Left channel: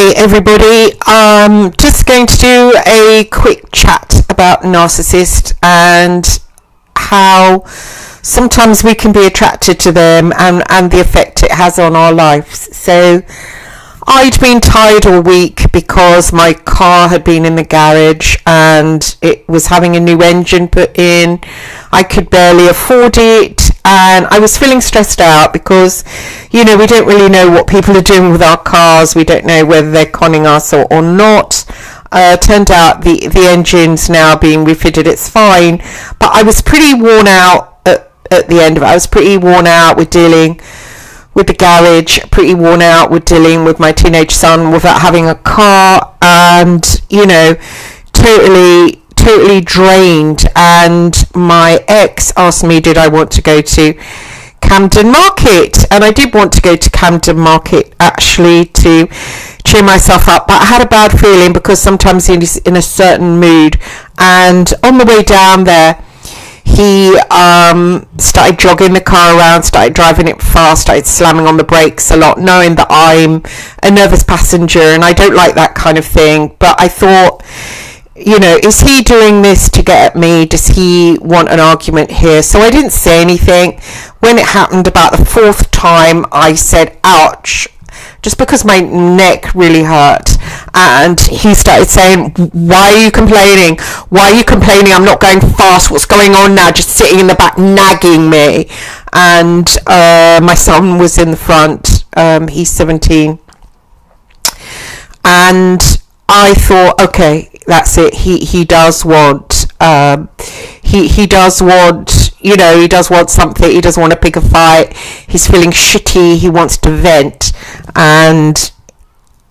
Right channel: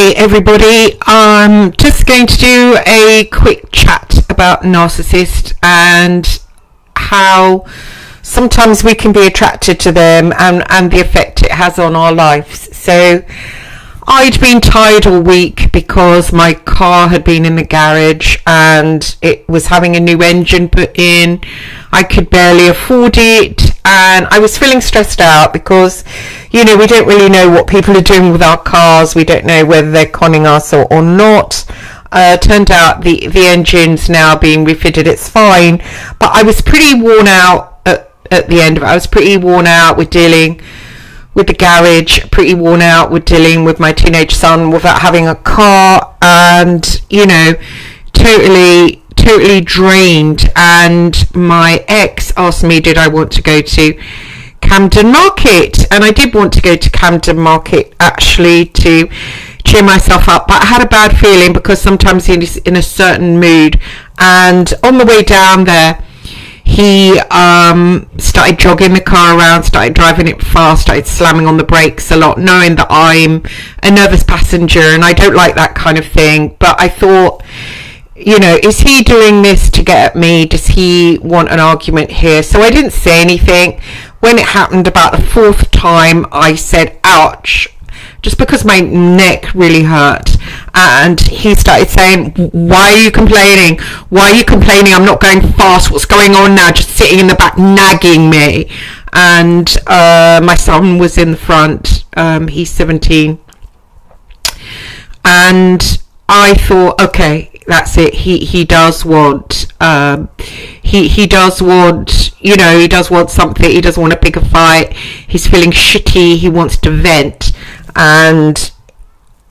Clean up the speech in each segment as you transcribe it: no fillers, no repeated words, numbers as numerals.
Hey everybody, I'm just going to do a quick chat about narcissists and how sometimes we can be attracted to them and the effect it has on our lives. So I'd been tired all week because my car had been in the garage and it was having a new engine put in. I could barely afford it and I was feeling stressed out because, you know, we don't really know what people are doing with our cars. We don't know whether they're conning us or not. Turned out the engine's now being refitted. It's fine. But I was pretty worn out at the end of it. I was pretty worn out with dealing with the garage, pretty worn out with dealing with my teenage son without having a car, and, you know, totally drained. And my ex asked me, did I want to go to Camden Market? And I did want to go to Camden Market actually to cheer myself up, but I had a bad feeling because sometimes he's in a certain mood. And on the way down there, he started jogging the car around, started driving it fast, started slamming on the brakes a lot, knowing that I'm a nervous passenger and I don't like that kind of thing. But I thought, you know, is he doing this to get at me? Does he want an argument here? So I didn't say anything. When it happened about the fourth time, I said, ouch, just because my neck really hurt. And he started saying, why are you complaining? Why are you complaining? I'm not going fast. What's going on now? Just sitting in the back nagging me. And my son was in the front. He's 17. And I thought, okay, that's it. He does want he does want, you know, he does want something. He doesn't want to pick a fight. He's feeling shitty. He wants to vent. And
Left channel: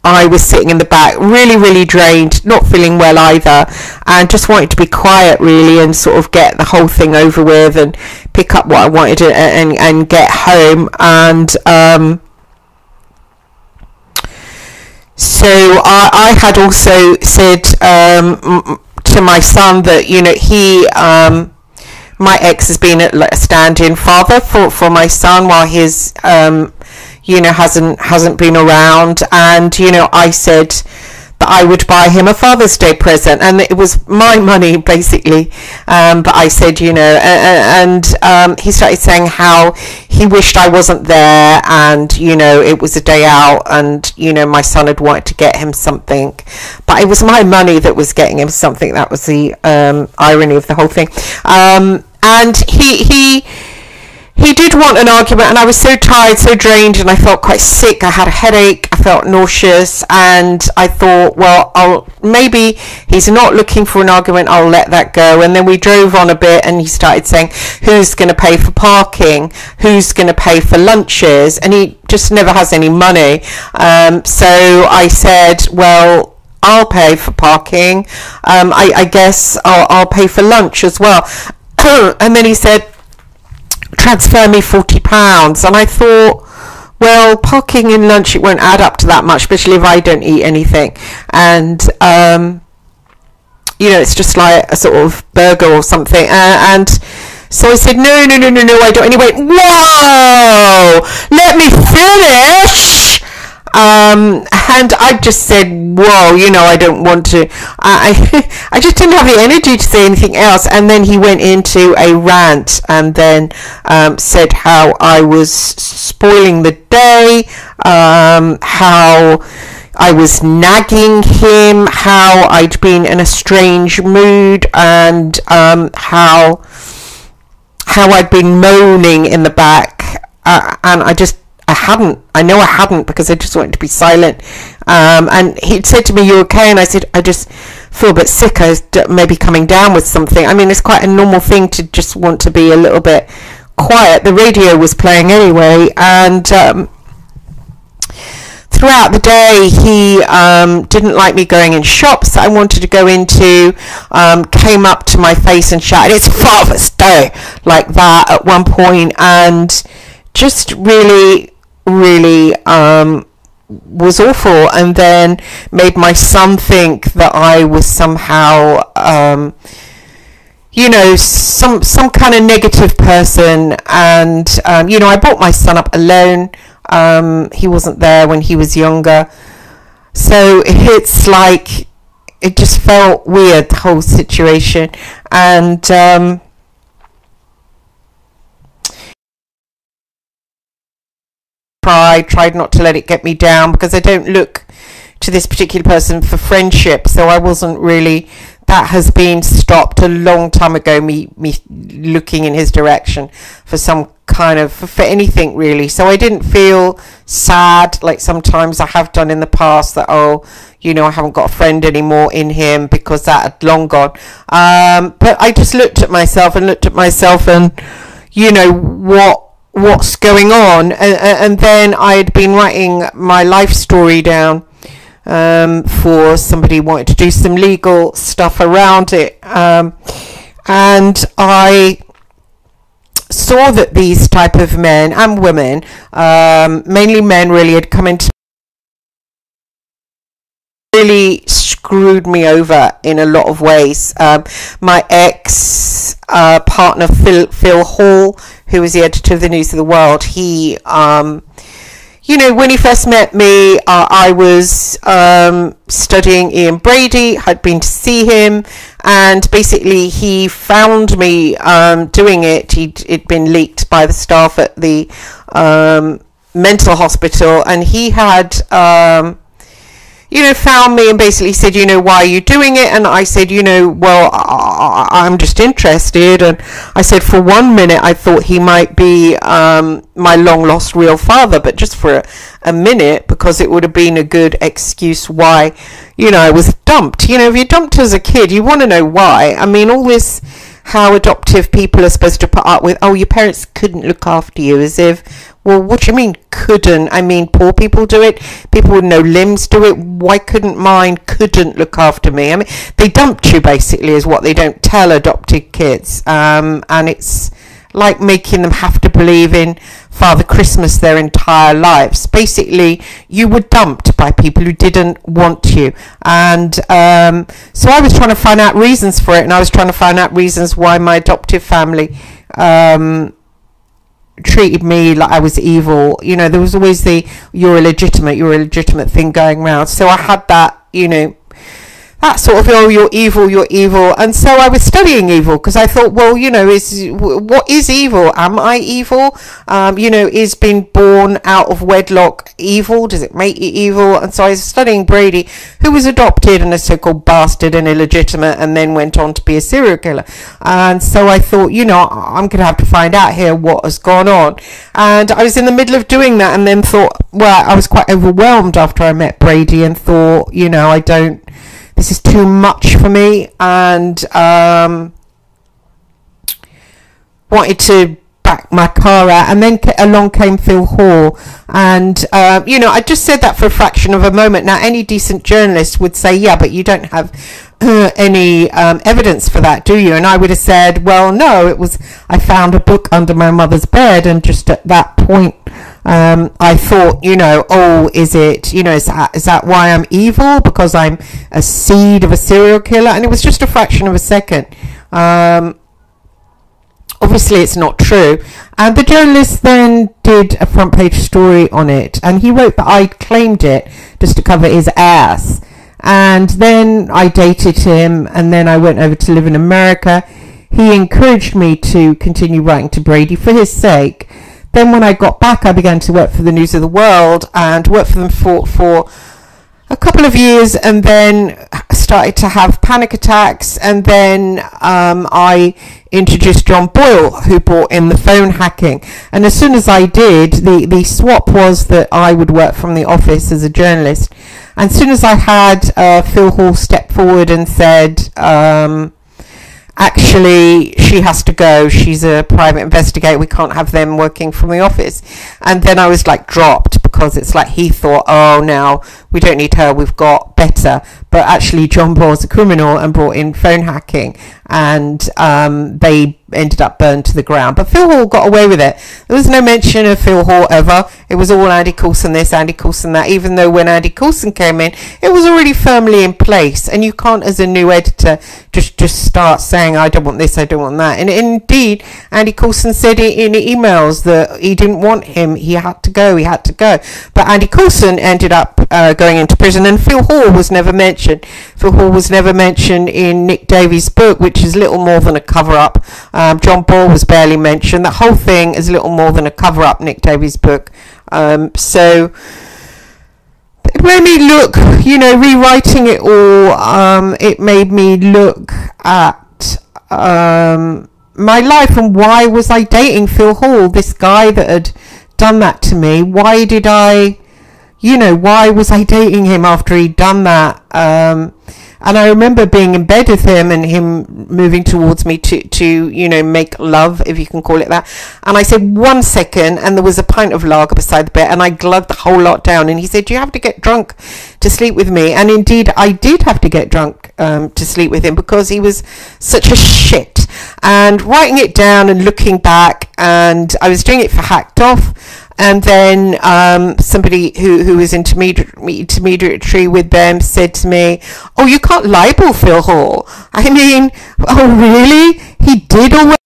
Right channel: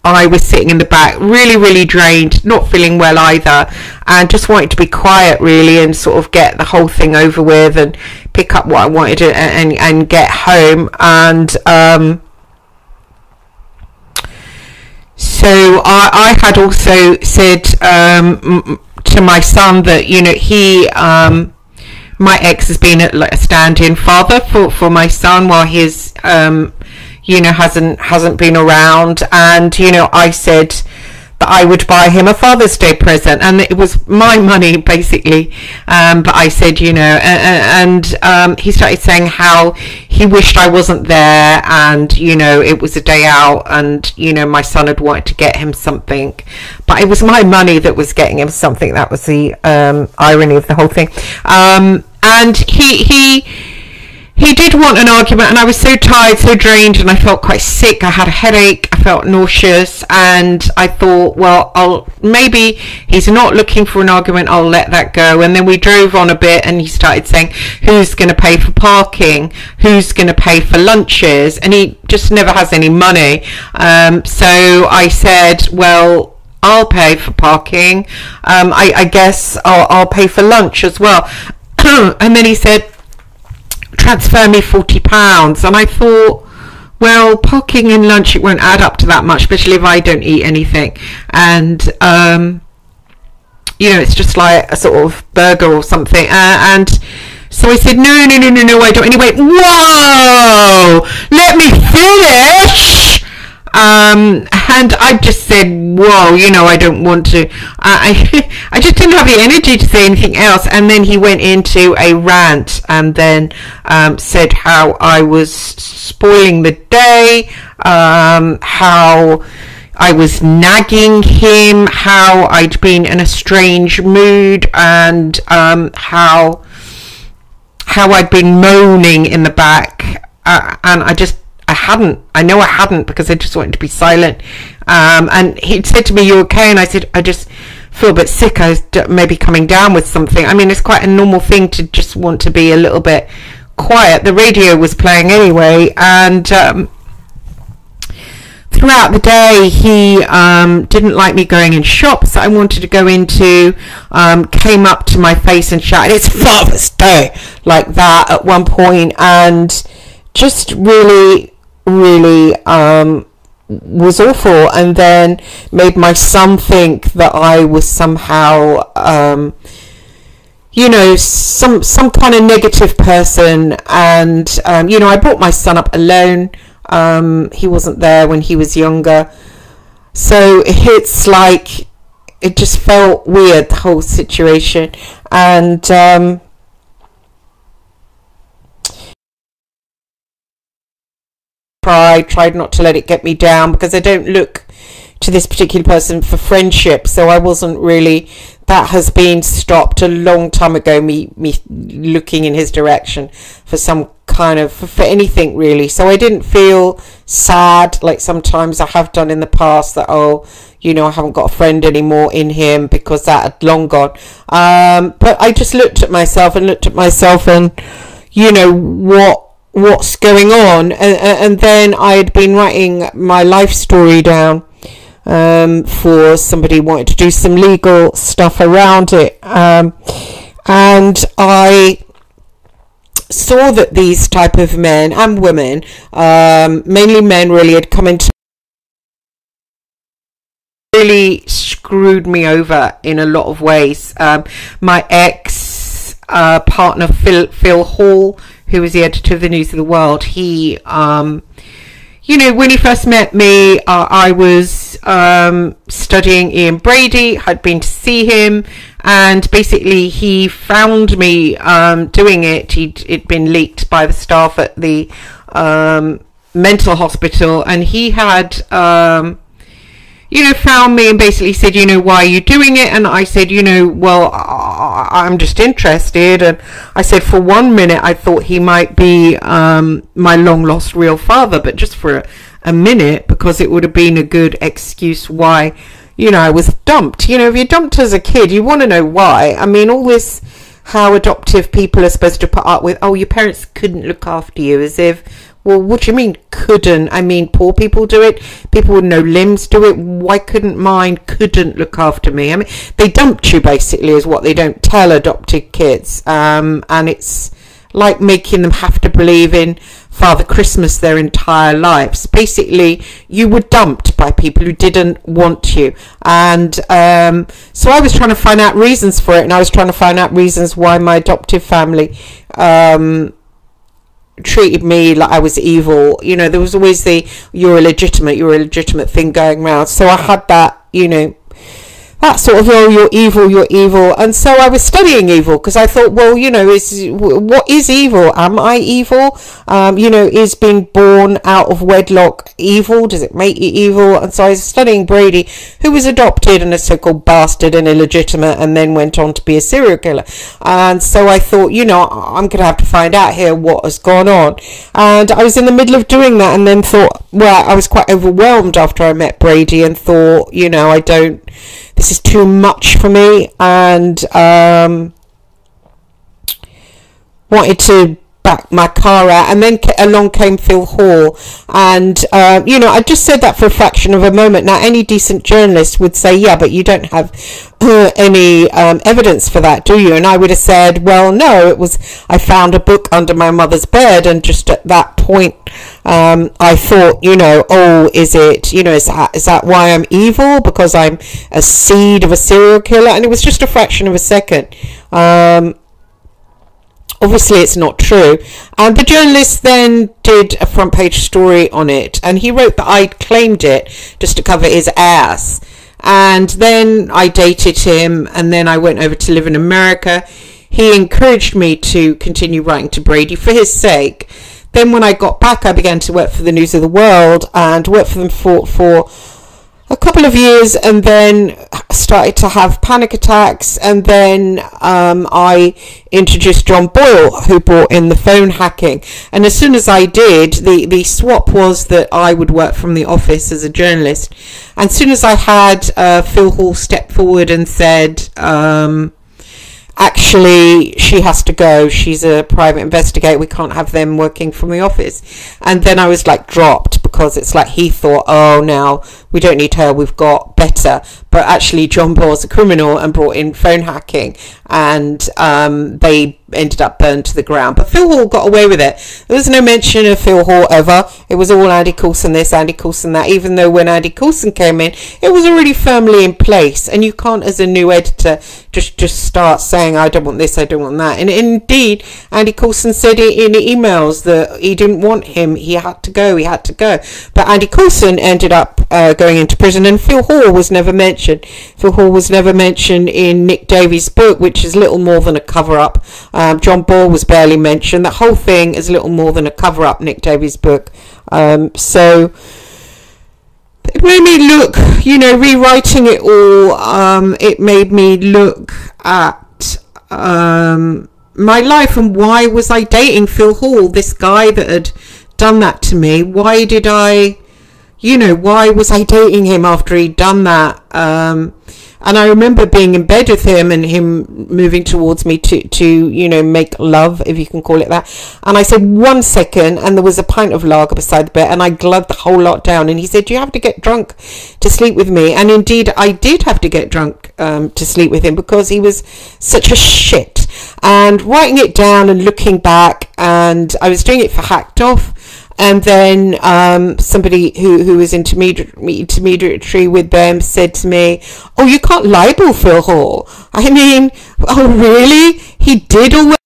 I was sitting in the back, really drained, not feeling well either, and just wanted to be quiet really and sort of get the whole thing over with and pick up what I wanted to, and get home. And so I had also said to my son that, you know, my ex has been a stand-in father for my son while his you know, hasn't been around. And, you know, I said that I would buy him a Father's Day present, and it was my money basically. But I said, you know, and he started saying how he wished I wasn't there, and, you know, it was a day out, and, you know, my son had wanted to get him something, but it was my money that was getting him something. That was the irony of the whole thing. And he did want an argument, and I was so tired, so drained, and I felt quite sick. I had a headache, I felt nauseous, and I thought, well, maybe he's not looking for an argument, I'll let that go. And then we drove on a bit, and he started saying, who's going to pay for parking? Who's going to pay for lunches? And he just never has any money. So I said, well, I'll pay for parking. I guess I'll pay for lunch as well. And then he said, transfer me £40. And I thought, well, parking and lunch, it won't add up to that much, especially if I don't eat anything. And you know, it's just like a sort of burger or something. And so I said, no, I don't. And he went, whoa, let me finish. And I just said, whoa, you know, I don't want to, I just didn't have the energy to say anything else. And then he went into a rant and then said how I was spoiling the day, how I was nagging him, how I'd been in a strange mood, and how I'd been moaning in the back. And I know I hadn't, because I just wanted to be silent. And he'd said to me, you okay? And I said, I just feel a bit sick. I was maybe coming down with something. I mean, it's quite a normal thing to just want to be a little bit quiet. The radio was playing anyway. And throughout the day, he didn't like me going in shops that I wanted to go into, came up to my face and shouted, it's Father's Day, like that at one point, and just really was awful. And then made my son think that I was somehow you know, some kind of negative person. And you know, I brought my son up alone. He wasn't there when he was younger. So it's like, it just felt weird, the whole situation. And tried not to let it get me down, because I don't look to this particular person for friendship, so I wasn't really, that has been stopped a long time ago, me looking in his direction for some kind of, for anything really. So I didn't feel sad like sometimes I have done in the past, that, oh, you know, I haven't got a friend anymore in him, because that had long gone. But I just looked at myself and you know, what's going on. And then I had been writing my life story down for somebody who wanted to do some legal stuff around it. And I saw that these type of men and women, mainly men really, had come into, really screwed me over in a lot of ways. My ex partner, Phil Hall, who was the editor of the News of the World, he, you know, when he first met me, I was studying Ian Brady, had been to see him, and basically he found me doing it. It'd been leaked by the staff at the mental hospital, and he had you know, found me and basically said, you know, why are you doing it? And I said, you know, well, I'm just interested. And I said, for 1 minute, I thought he might be my long lost real father, but just for a minute, because it would have been a good excuse why, you know, I was dumped. You know, if you're dumped as a kid, you want to know why. I mean, all this, how adoptive people are supposed to put up with, oh, your parents couldn't look after you, as if, well, what do you mean couldn't? I mean, poor people do it. People with no limbs do it. Why couldn't mine couldn't look after me? I mean, they dumped you, basically, is what they don't tell adopted kids. And it's like making them have to believe in Father Christmas their entire lives. Basically, you were dumped by people who didn't want you. And so I was trying to find out reasons for it. And I was trying to find out reasons why my adoptive family treated me like I was evil. You know, there was always the you're illegitimate thing going around. So I had that, you know, that sort of, oh, you're evil. And so I was studying evil, because I thought, well, you know, what is evil? Am I evil? You know, is being born out of wedlock evil? Does it make you evil? And so I was studying Brady, who was adopted and a so-called bastard and illegitimate, and then went on to be a serial killer. And so I thought, you know, I'm going to have to find out here what has gone on. And I was in the middle of doing that, and then thought, well, I was quite overwhelmed after I met Brady, and thought, you know, this is too much for me, and wanted to back my car out. And then along came Phil Hall, and you know, I just said that for a fraction of a moment. Now, any decent journalist would say, yeah, but you don't have any evidence for that, do you? And I would have said, well, no, it was, I found a book under my mother's bed, and just at that point I thought, you know, oh, is it, you know, is that why I'm evil, because I'm a seed of a serial killer? And it was just a fraction of a second. Obviously it's not true. And the journalist then did a front page story on it, and he wrote that I'd claimed it just to cover his ass. And then I dated him, and then I went over to live in America. He encouraged me to continue writing to Brady for his sake. Then when I got back, I began to work for the News of the World, and worked for them for a couple of years, and then started to have panic attacks. And then I introduced John Boyle, who brought in the phone hacking. And as soon as I did, the swap was that I would work from the office as a journalist. And as soon as I had Phil Hall step forward and said, actually, she has to go, she's a private investigator, we can't have them working from the office. And then I was like dropped, because it's like he thought, oh, now we don't need her, we've got better. But actually John Boyle's a criminal and brought in phone hacking, and they ended up burned to the ground. But Phil Hall got away with it. There was no mention of Phil Hall ever. It was all Andy Coulson this, Andy Coulson that, even though when Andy Coulson came in, it was already firmly in place. And you can't, as a new editor, just start saying, I don't want this, I don't want that. And indeed, Andy Coulson said in emails that he didn't want him, he had to go. But Andy Coulson ended up going into prison. And Phil Hall was never mentioned. Phil Hall was never mentioned in Nick Davies' book, which is little more than a cover-up. John Boyle was barely mentioned. The whole thing is little more than a cover-up, Nick Davies' book. So it made me look, rewriting it all, it made me look at my life and why was I dating Phil Hall, this guy that had done that to me. Why did I, why was I dating him after he'd done that? And I remember being in bed with him and him moving towards me to make love, if you can call it that. And I said, 1 second, and there was a pint of lager beside the bed, and I glugged the whole lot down. And he said, do you have to get drunk to sleep with me? And indeed, I did have to get drunk to sleep with him because he was such a shit. And writing it down and looking back, and I was doing it for Hacked Off. And then somebody who was intermediary with them said to me, oh, you can't libel Phil Hall. I mean, oh, really? He did all that?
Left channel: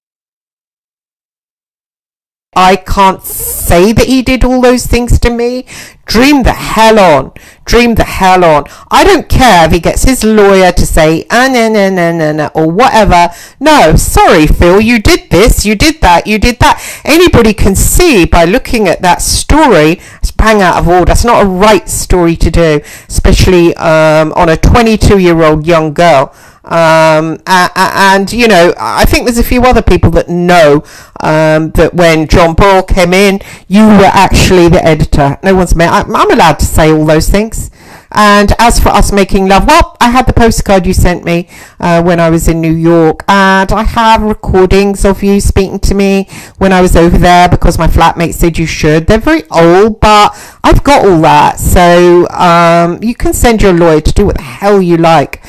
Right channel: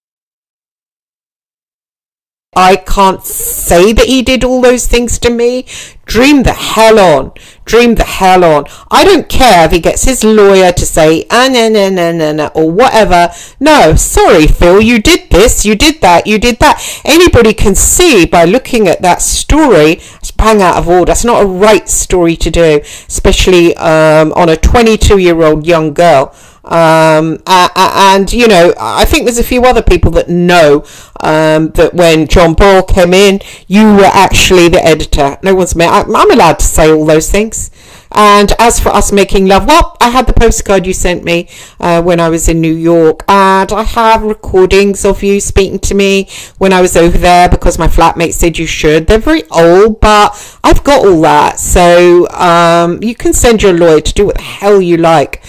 I can't say that he did all those things to me. Dream the hell on. Dream the hell on. I don't care if he gets his lawyer to say, no, or whatever. No, sorry, Phil, you did this, you did that, you did that. Anybody can see by looking at that story, it's bang out of order. It's not a right story to do, especially on a 22-year-old young girl. And I think there's a few other people that know that when John Boyle came in, you were actually the editor. No one's met. I'm allowed to say all those things. And as for us making love, well, I had the postcard you sent me when I was in New York, and I have recordings of you speaking to me when I was over there because my flatmate said you should. They're very old, but I've got all that, so you can send your lawyer to do what the hell you like.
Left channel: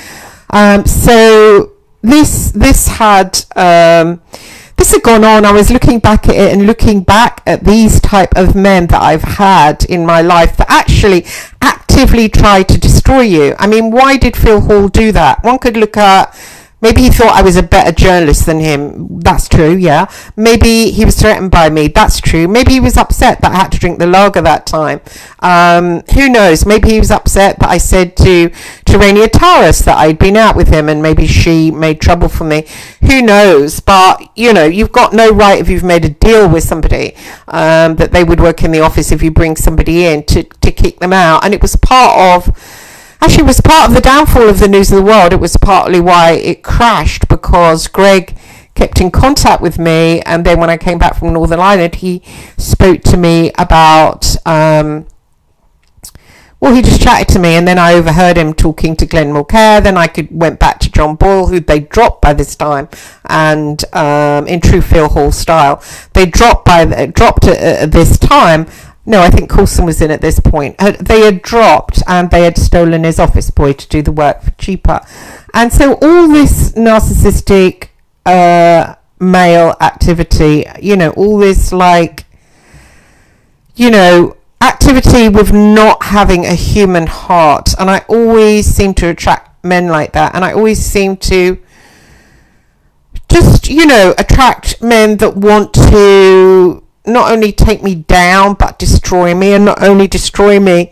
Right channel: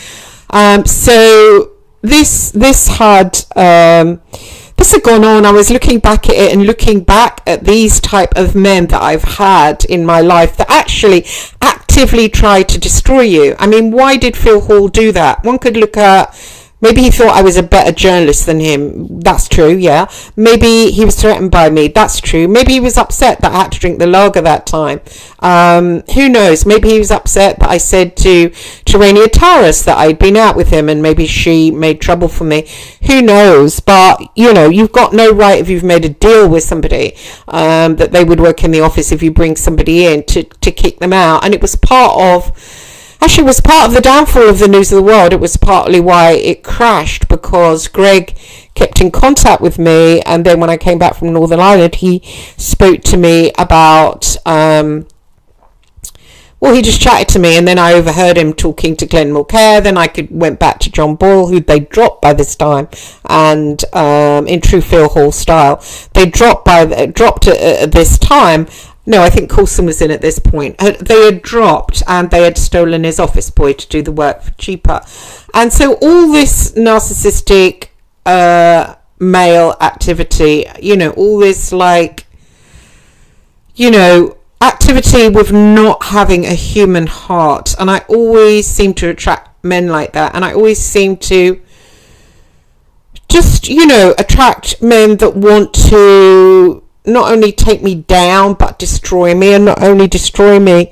So this had gone on. I was looking back at it and looking back at these type of men that I've had in my life that actually actively try to destroy you. I mean, why did Phil Hall do that? One could look at, maybe he thought I was a better journalist than him. That's true, yeah. Maybe he was threatened by me. That's true. Maybe he was upset that I had to drink the lager that time. Who knows? Maybe he was upset that I said to Terania Tyrus that I'd been out with him and maybe she made trouble for me. Who knows? But, you've got no right, if you've made a deal with somebody, that they would work in the office if you bring somebody in to kick them out. And it was part of the downfall of the News of the World. It was partly why it crashed, because Greg kept in contact with me, and then when I came back from Northern Ireland, he spoke to me about, he just chatted to me, and then I overheard him talking to Glenn Mulcair. Then I went back to John Boyle, who they dropped by this time, and in true Phil Hall style, they dropped at this time. No, I think Coulson was in at this point. They had dropped and they had stolen his office boy to do the work for cheaper. And so all this narcissistic male activity, all this activity with not having a human heart. And I always seem to attract men like that. And I always seem to just, attract men that want to not only take me down, but destroy me. And not only destroy me,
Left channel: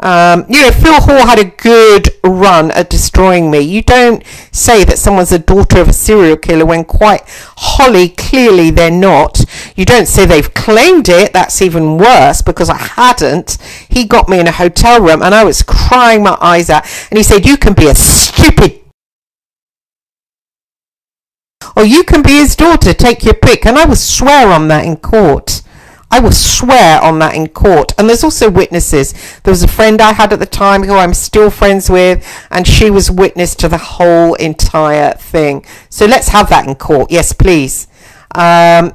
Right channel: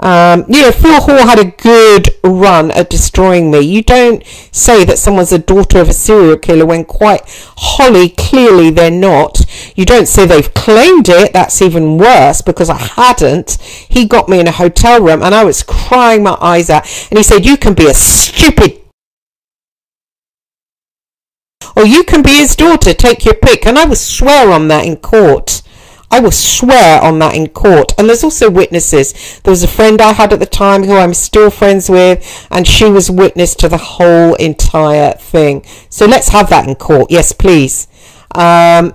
Phil Hall had a good run at destroying me. You don't say that someone's a daughter of a serial killer when quite wholly clearly they're not. You don't say they've claimed it. That's even worse, because I hadn't. He got me in a hotel room and I was crying my eyes out, and he said, you can be a stupid, or you can be his daughter, take your pick. And I will swear on that in court. I will swear on that in court. And there's also witnesses. There was a friend I had at the time who I'm still friends with, and she was witness to the whole entire thing. So let's have that in court. Yes, please. All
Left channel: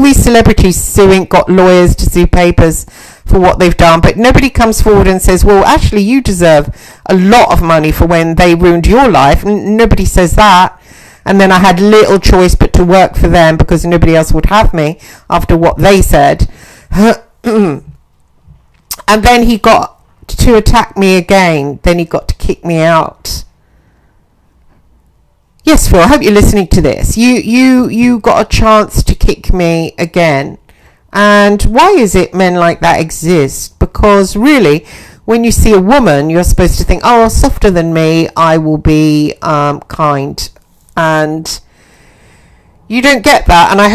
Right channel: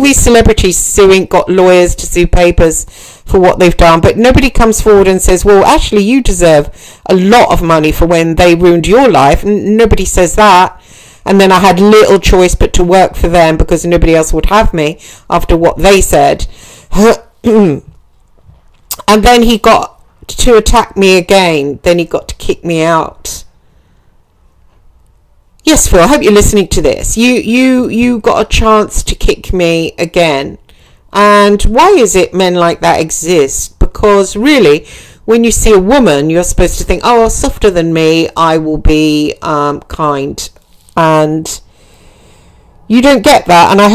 these celebrities suing, got lawyers to sue papers for what they've done, but nobody comes forward and says, well, actually, you deserve a lot of money for when they ruined your life. Nobody says that. And then I had little choice but to work for them, because nobody else would have me after what they said. And then he got to attack me again. Then he got to kick me out. Yes, Phil, I hope you're listening to this. You got a chance to kick me again. And why is it men like that exist? Because really, when you see a woman, you're supposed to think, oh, softer than me, I will be kind. And you don't get that. And I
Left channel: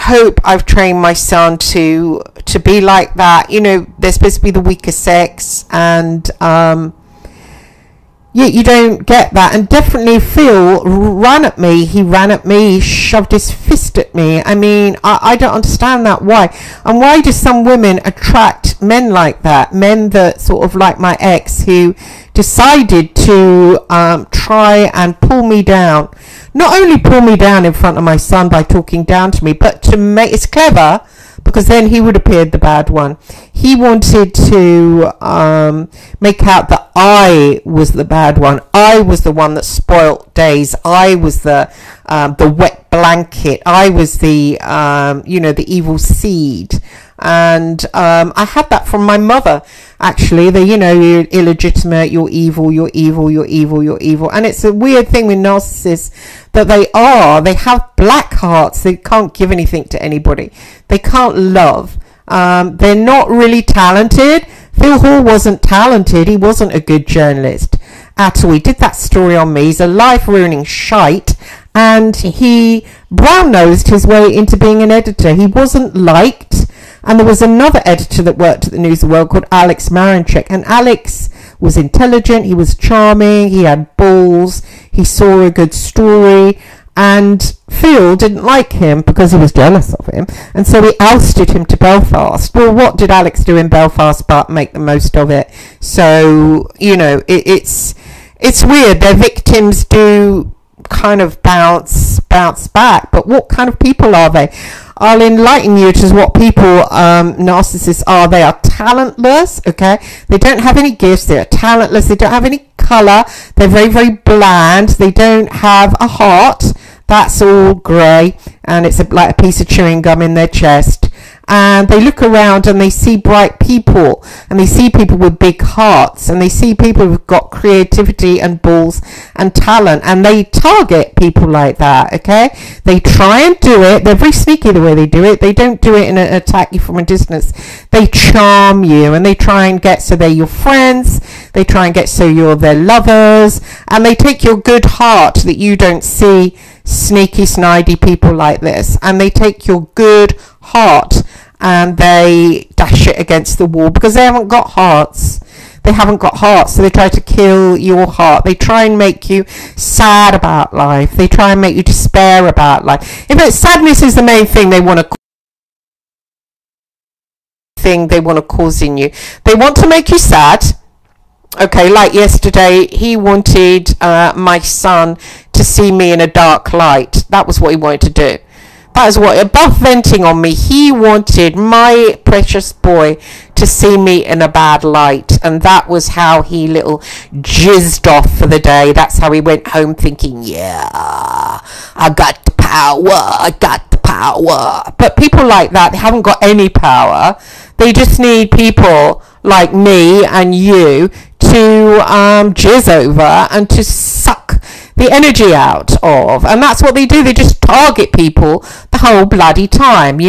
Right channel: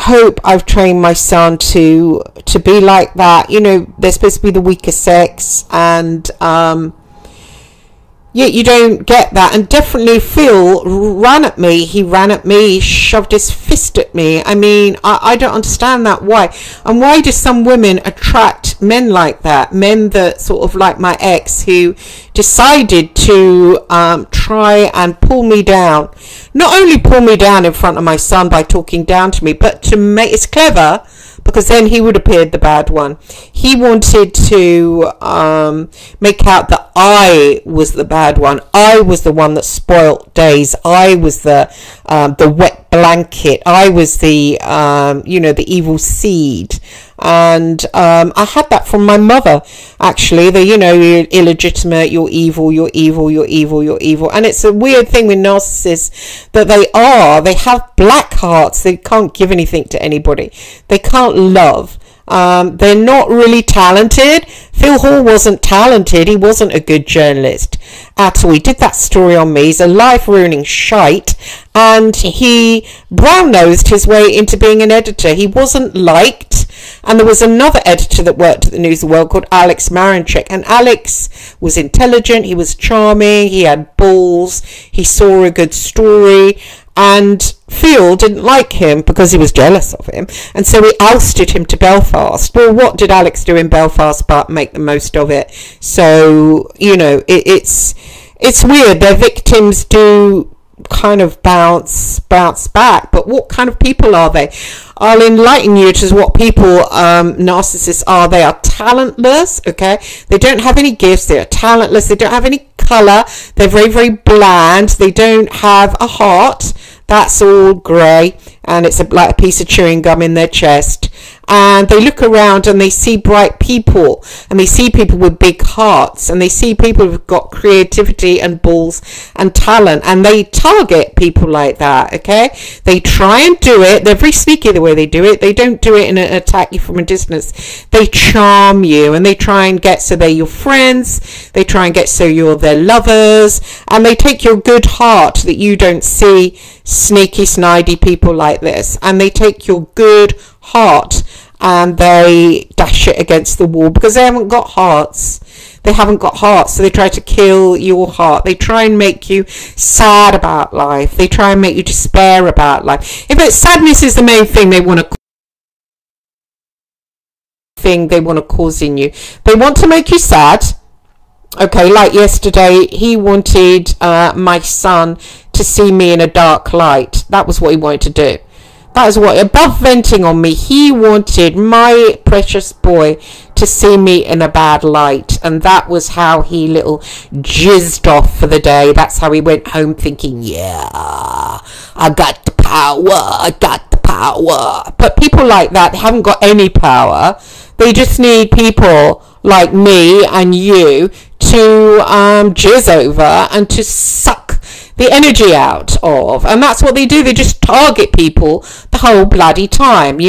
hope I've trained my son to be like that. You know, they're supposed to be the weaker sex, and you don't get that. And definitely Phil ran at me. He ran at me. He shoved his fist at me. I mean, I don't understand that. Why? And why do some women attract men like that? Men that sort of like my ex, who decided to try and pull me down. Not only pull me down in front of my son by talking down to me, but to make, it's clever, because then he would appear the bad one. He wanted to make out that I was the bad one. I was the one that spoilt days. I was the wet blanket. I was the the evil seed. And I had that from my mother, actually. You're illegitimate, you're evil, you're evil, you're evil, you're evil. And it's a weird thing with narcissists that they have black hearts. They can't give anything to anybody. They can't love. They're not really talented. Phil Hall wasn't talented. He wasn't a good journalist at all. He did that story on me. He's a life-ruining shite. And he brown-nosed his way into being an editor. He wasn't liked. And there was another editor that worked at the News of the World called Alex Marinchek. And Alex was intelligent. He was charming. He had balls. He saw a good story. And Phil didn't like him because he was jealous of him. And so he ousted him to Belfast. Well, what did Alex do in Belfast but make the most of it? So, it's weird. Their victims do kind of bounce back. But what kind of people are they? I'll enlighten you to what people, narcissists are. They are talentless, okay? They don't have any gifts. They are talentless. They don't have any colour. They're very, very bland. They don't have a heart. That's all grey, and it's like a piece of chewing gum in their chest. And they look around and they see bright people, and they see people with big hearts, and they see people who've got creativity and balls and talent, and they target people like that, okay? They try and do it. They're very sneaky the way they do it. They don't do it in an attack you from a distance. They charm you, and they try and get so they're your friends. They try and get so you're their lovers, and they take your good heart that you don't see sneaky, snidey people like this, and they take your good heart and they dash it against the wall because they haven't got hearts. They haven't got hearts, so they try to kill your heart. They try and make you sad about life. They try and make you despair about life. In fact, sadness is the main thing they want to cause in you. They want to make you sad. Okay, like yesterday, he wanted my son to see me in a dark light. That was what he wanted to do. That is what, above venting on me, he wanted my precious boy to see me in a bad light. And that was how he little jizzed off for the day. That's how he went home thinking, yeah, I got the power, I got the power. But people like that, they haven't got any power. They just need people like me and you to jizz over and to suck the energy out of. And that's what they do. They just target people the whole bloody time,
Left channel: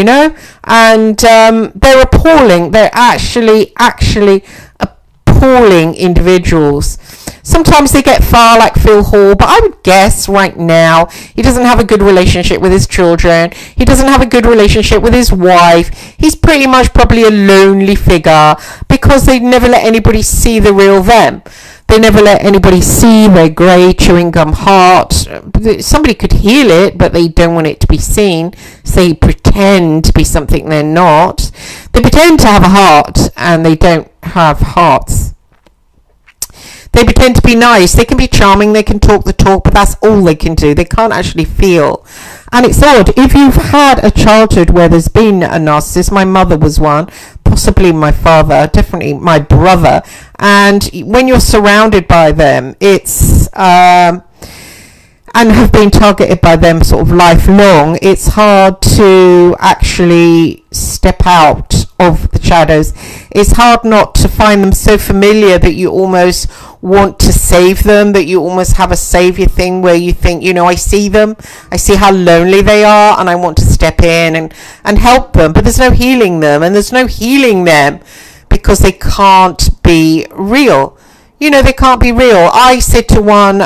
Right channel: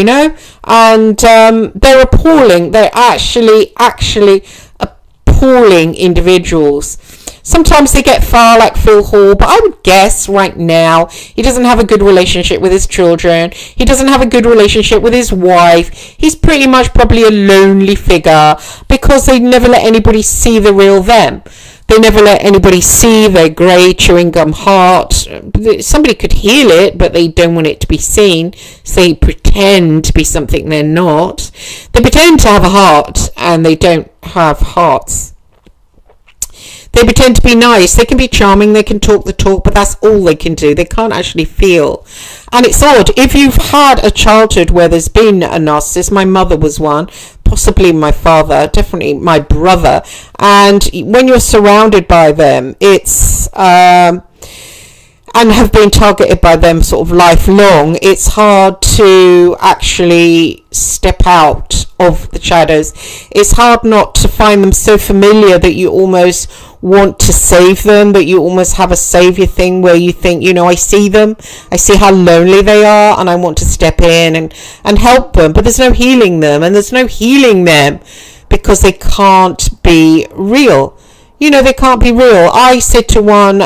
and they're appalling. They're actually appalling individuals. Sometimes they get far, like Phil Hall, but I would guess right now he doesn't have a good relationship with his children. He doesn't have a good relationship with his wife. He's pretty much probably a lonely figure because they never let anybody see the real them. They never let anybody see their grey chewing gum heart. Somebody could heal it, but they don't want it to be seen. So they pretend to be something they're not. They pretend to have a heart, and they don't have hearts. They pretend to be nice. They can be charming. They can talk the talk, but that's all they can do. They can't actually feel. And it's odd. If you've had a childhood where there's been a narcissist, my mother was one, possibly my father, definitely my brother. And when you're surrounded by them, it's, and have been targeted by them sort of lifelong, it's hard to actually step out of the shadows. It's hard not to find them so familiar that you almost want to save them, that you almost have a savior thing where you think, I see them, I see how lonely they are, and I want to step in and help them. But there's no healing them, and there's no healing them because they can't be real. You know, they can't be real. I said to one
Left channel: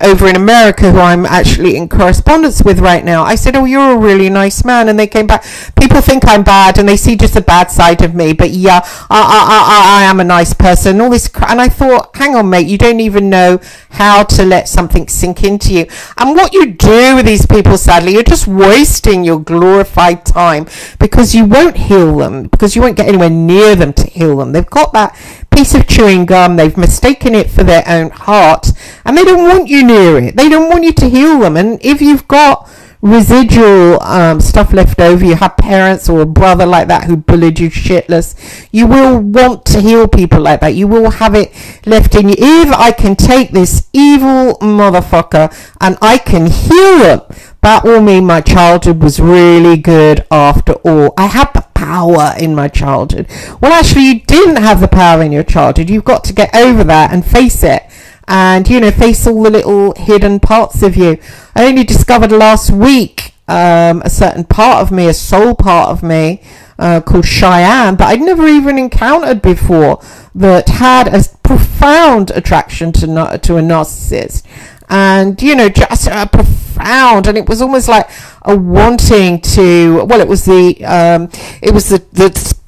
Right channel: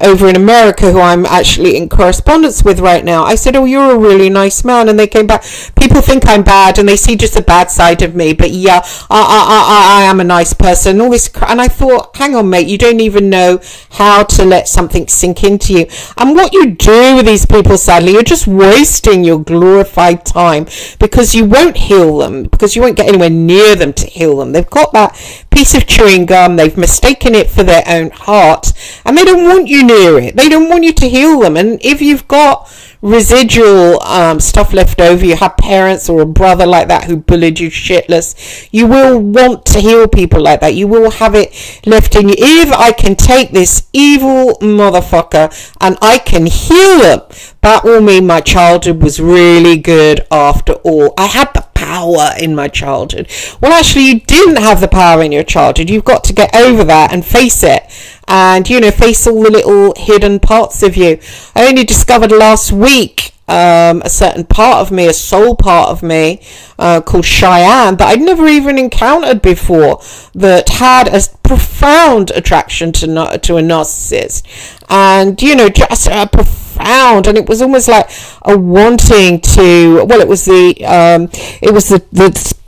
over in America, who I'm actually in correspondence with right now, I said, oh, you're a really nice man. And they came back, people think I'm bad and they see just the bad side of me, but yeah, I am a nice person. All this, and I thought, hang on, mate, you don't even know how to let something sink into you. And what you do with these people, sadly, you're just wasting your glorified time, because you won't heal them, because you won't get anywhere near them to heal them. They've got that piece of chewing gum, they've mistaken it for their own heart, and they don't want you near it. They don't want you to heal them. And if you've got residual stuff left over, you have parents or a brother like that who bullied you shitless, you will want to heal people like that. You will have it left in you. If I can take this evil motherfucker and I can heal them, that will mean my childhood was really good after all. I had the power in my childhood. Well, actually, you didn't have the power in your childhood. You've got to get over that and face it. And, you know, face all the little hidden parts of you. I only discovered last week a certain part of me, a soul part of me, called Cheyenne, that I'd never even encountered before, that had a profound attraction to a narcissist. And, you know, just a profound, and it was almost like a wanting to, well, it was the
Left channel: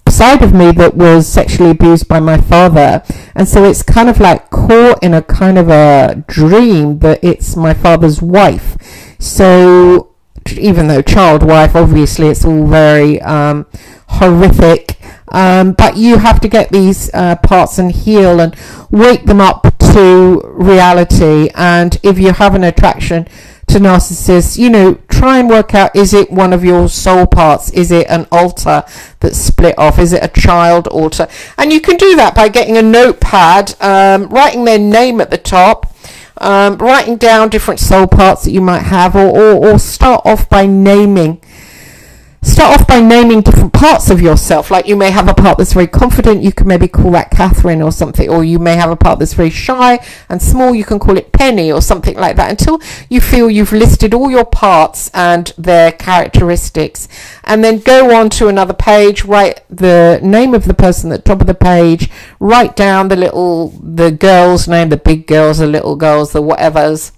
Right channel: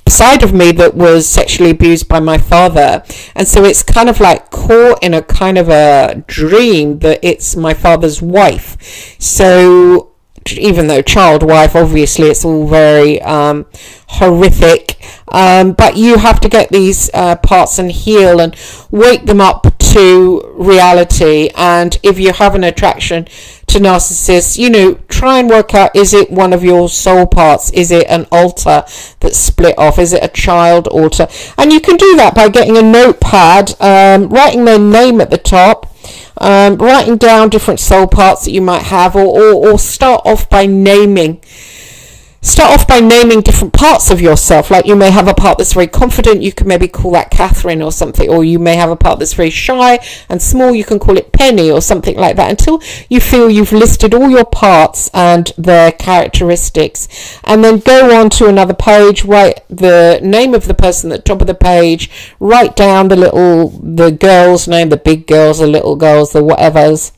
side of me that was sexually abused by my father, and so it's kind of like caught in a kind of a dream that it's my father's wife. So even though child wife, obviously it's all very horrific, but you have to get these parts and heal and wake them up to reality. And if you have an attraction to narcissists, you know, try and work out, is it one of your soul parts? Is it an altar that's split off? Is it a child altar? And you can do that by getting a notepad, writing their name at the top, writing down different soul parts that you might have, or start off by naming different parts of yourself. Like, you may have a part that's very confident, you can maybe call that Catherine or something, or you may have a part that's very shy and small, you can call it Penny or something like that, until you feel you've listed all your parts and their characteristics. And then go on to another page, write the name of the person at the top of the page, write down the girl's name, the big girls, the little girls, the whatevers,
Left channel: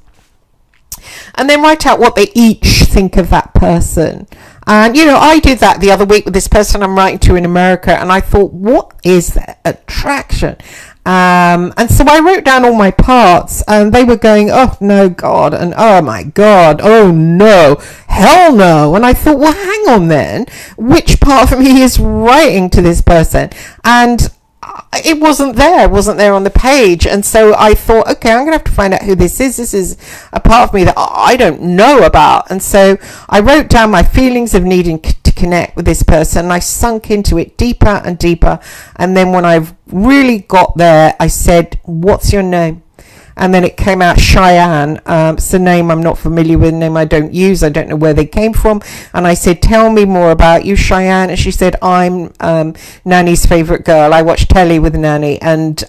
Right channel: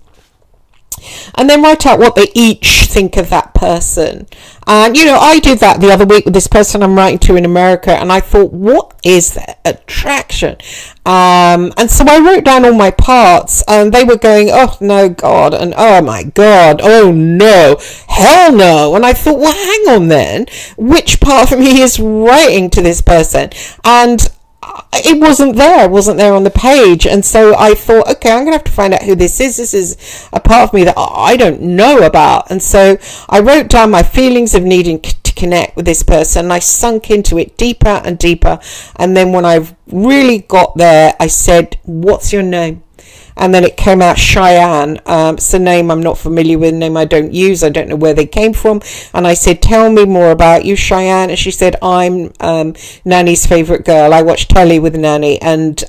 and then write out what they each think of that person. And, you know, I did that the other week with this person I'm writing to in America, and I thought, what is that attraction? And so I wrote down all my parts, and they were going, oh no, God, and oh my God, oh no, hell no. And I thought, well, hang on then, which part of me is writing to this person? And it wasn't there on the page. And so I thought, okay, I'm gonna have to find out who this is. This is a part of me that I don't know about. And so I wrote down my feelings of needing to connect with this person, and I sunk into it deeper and deeper. And then when I've really got there, I said, what's your name? And then it came out Cheyenne. It's a name I'm not familiar with, a name I don't use. I don't know where they came from. And I said, tell me more about you, Cheyenne. And she said, I'm Nanny's favourite girl. I watch telly with Nanny, and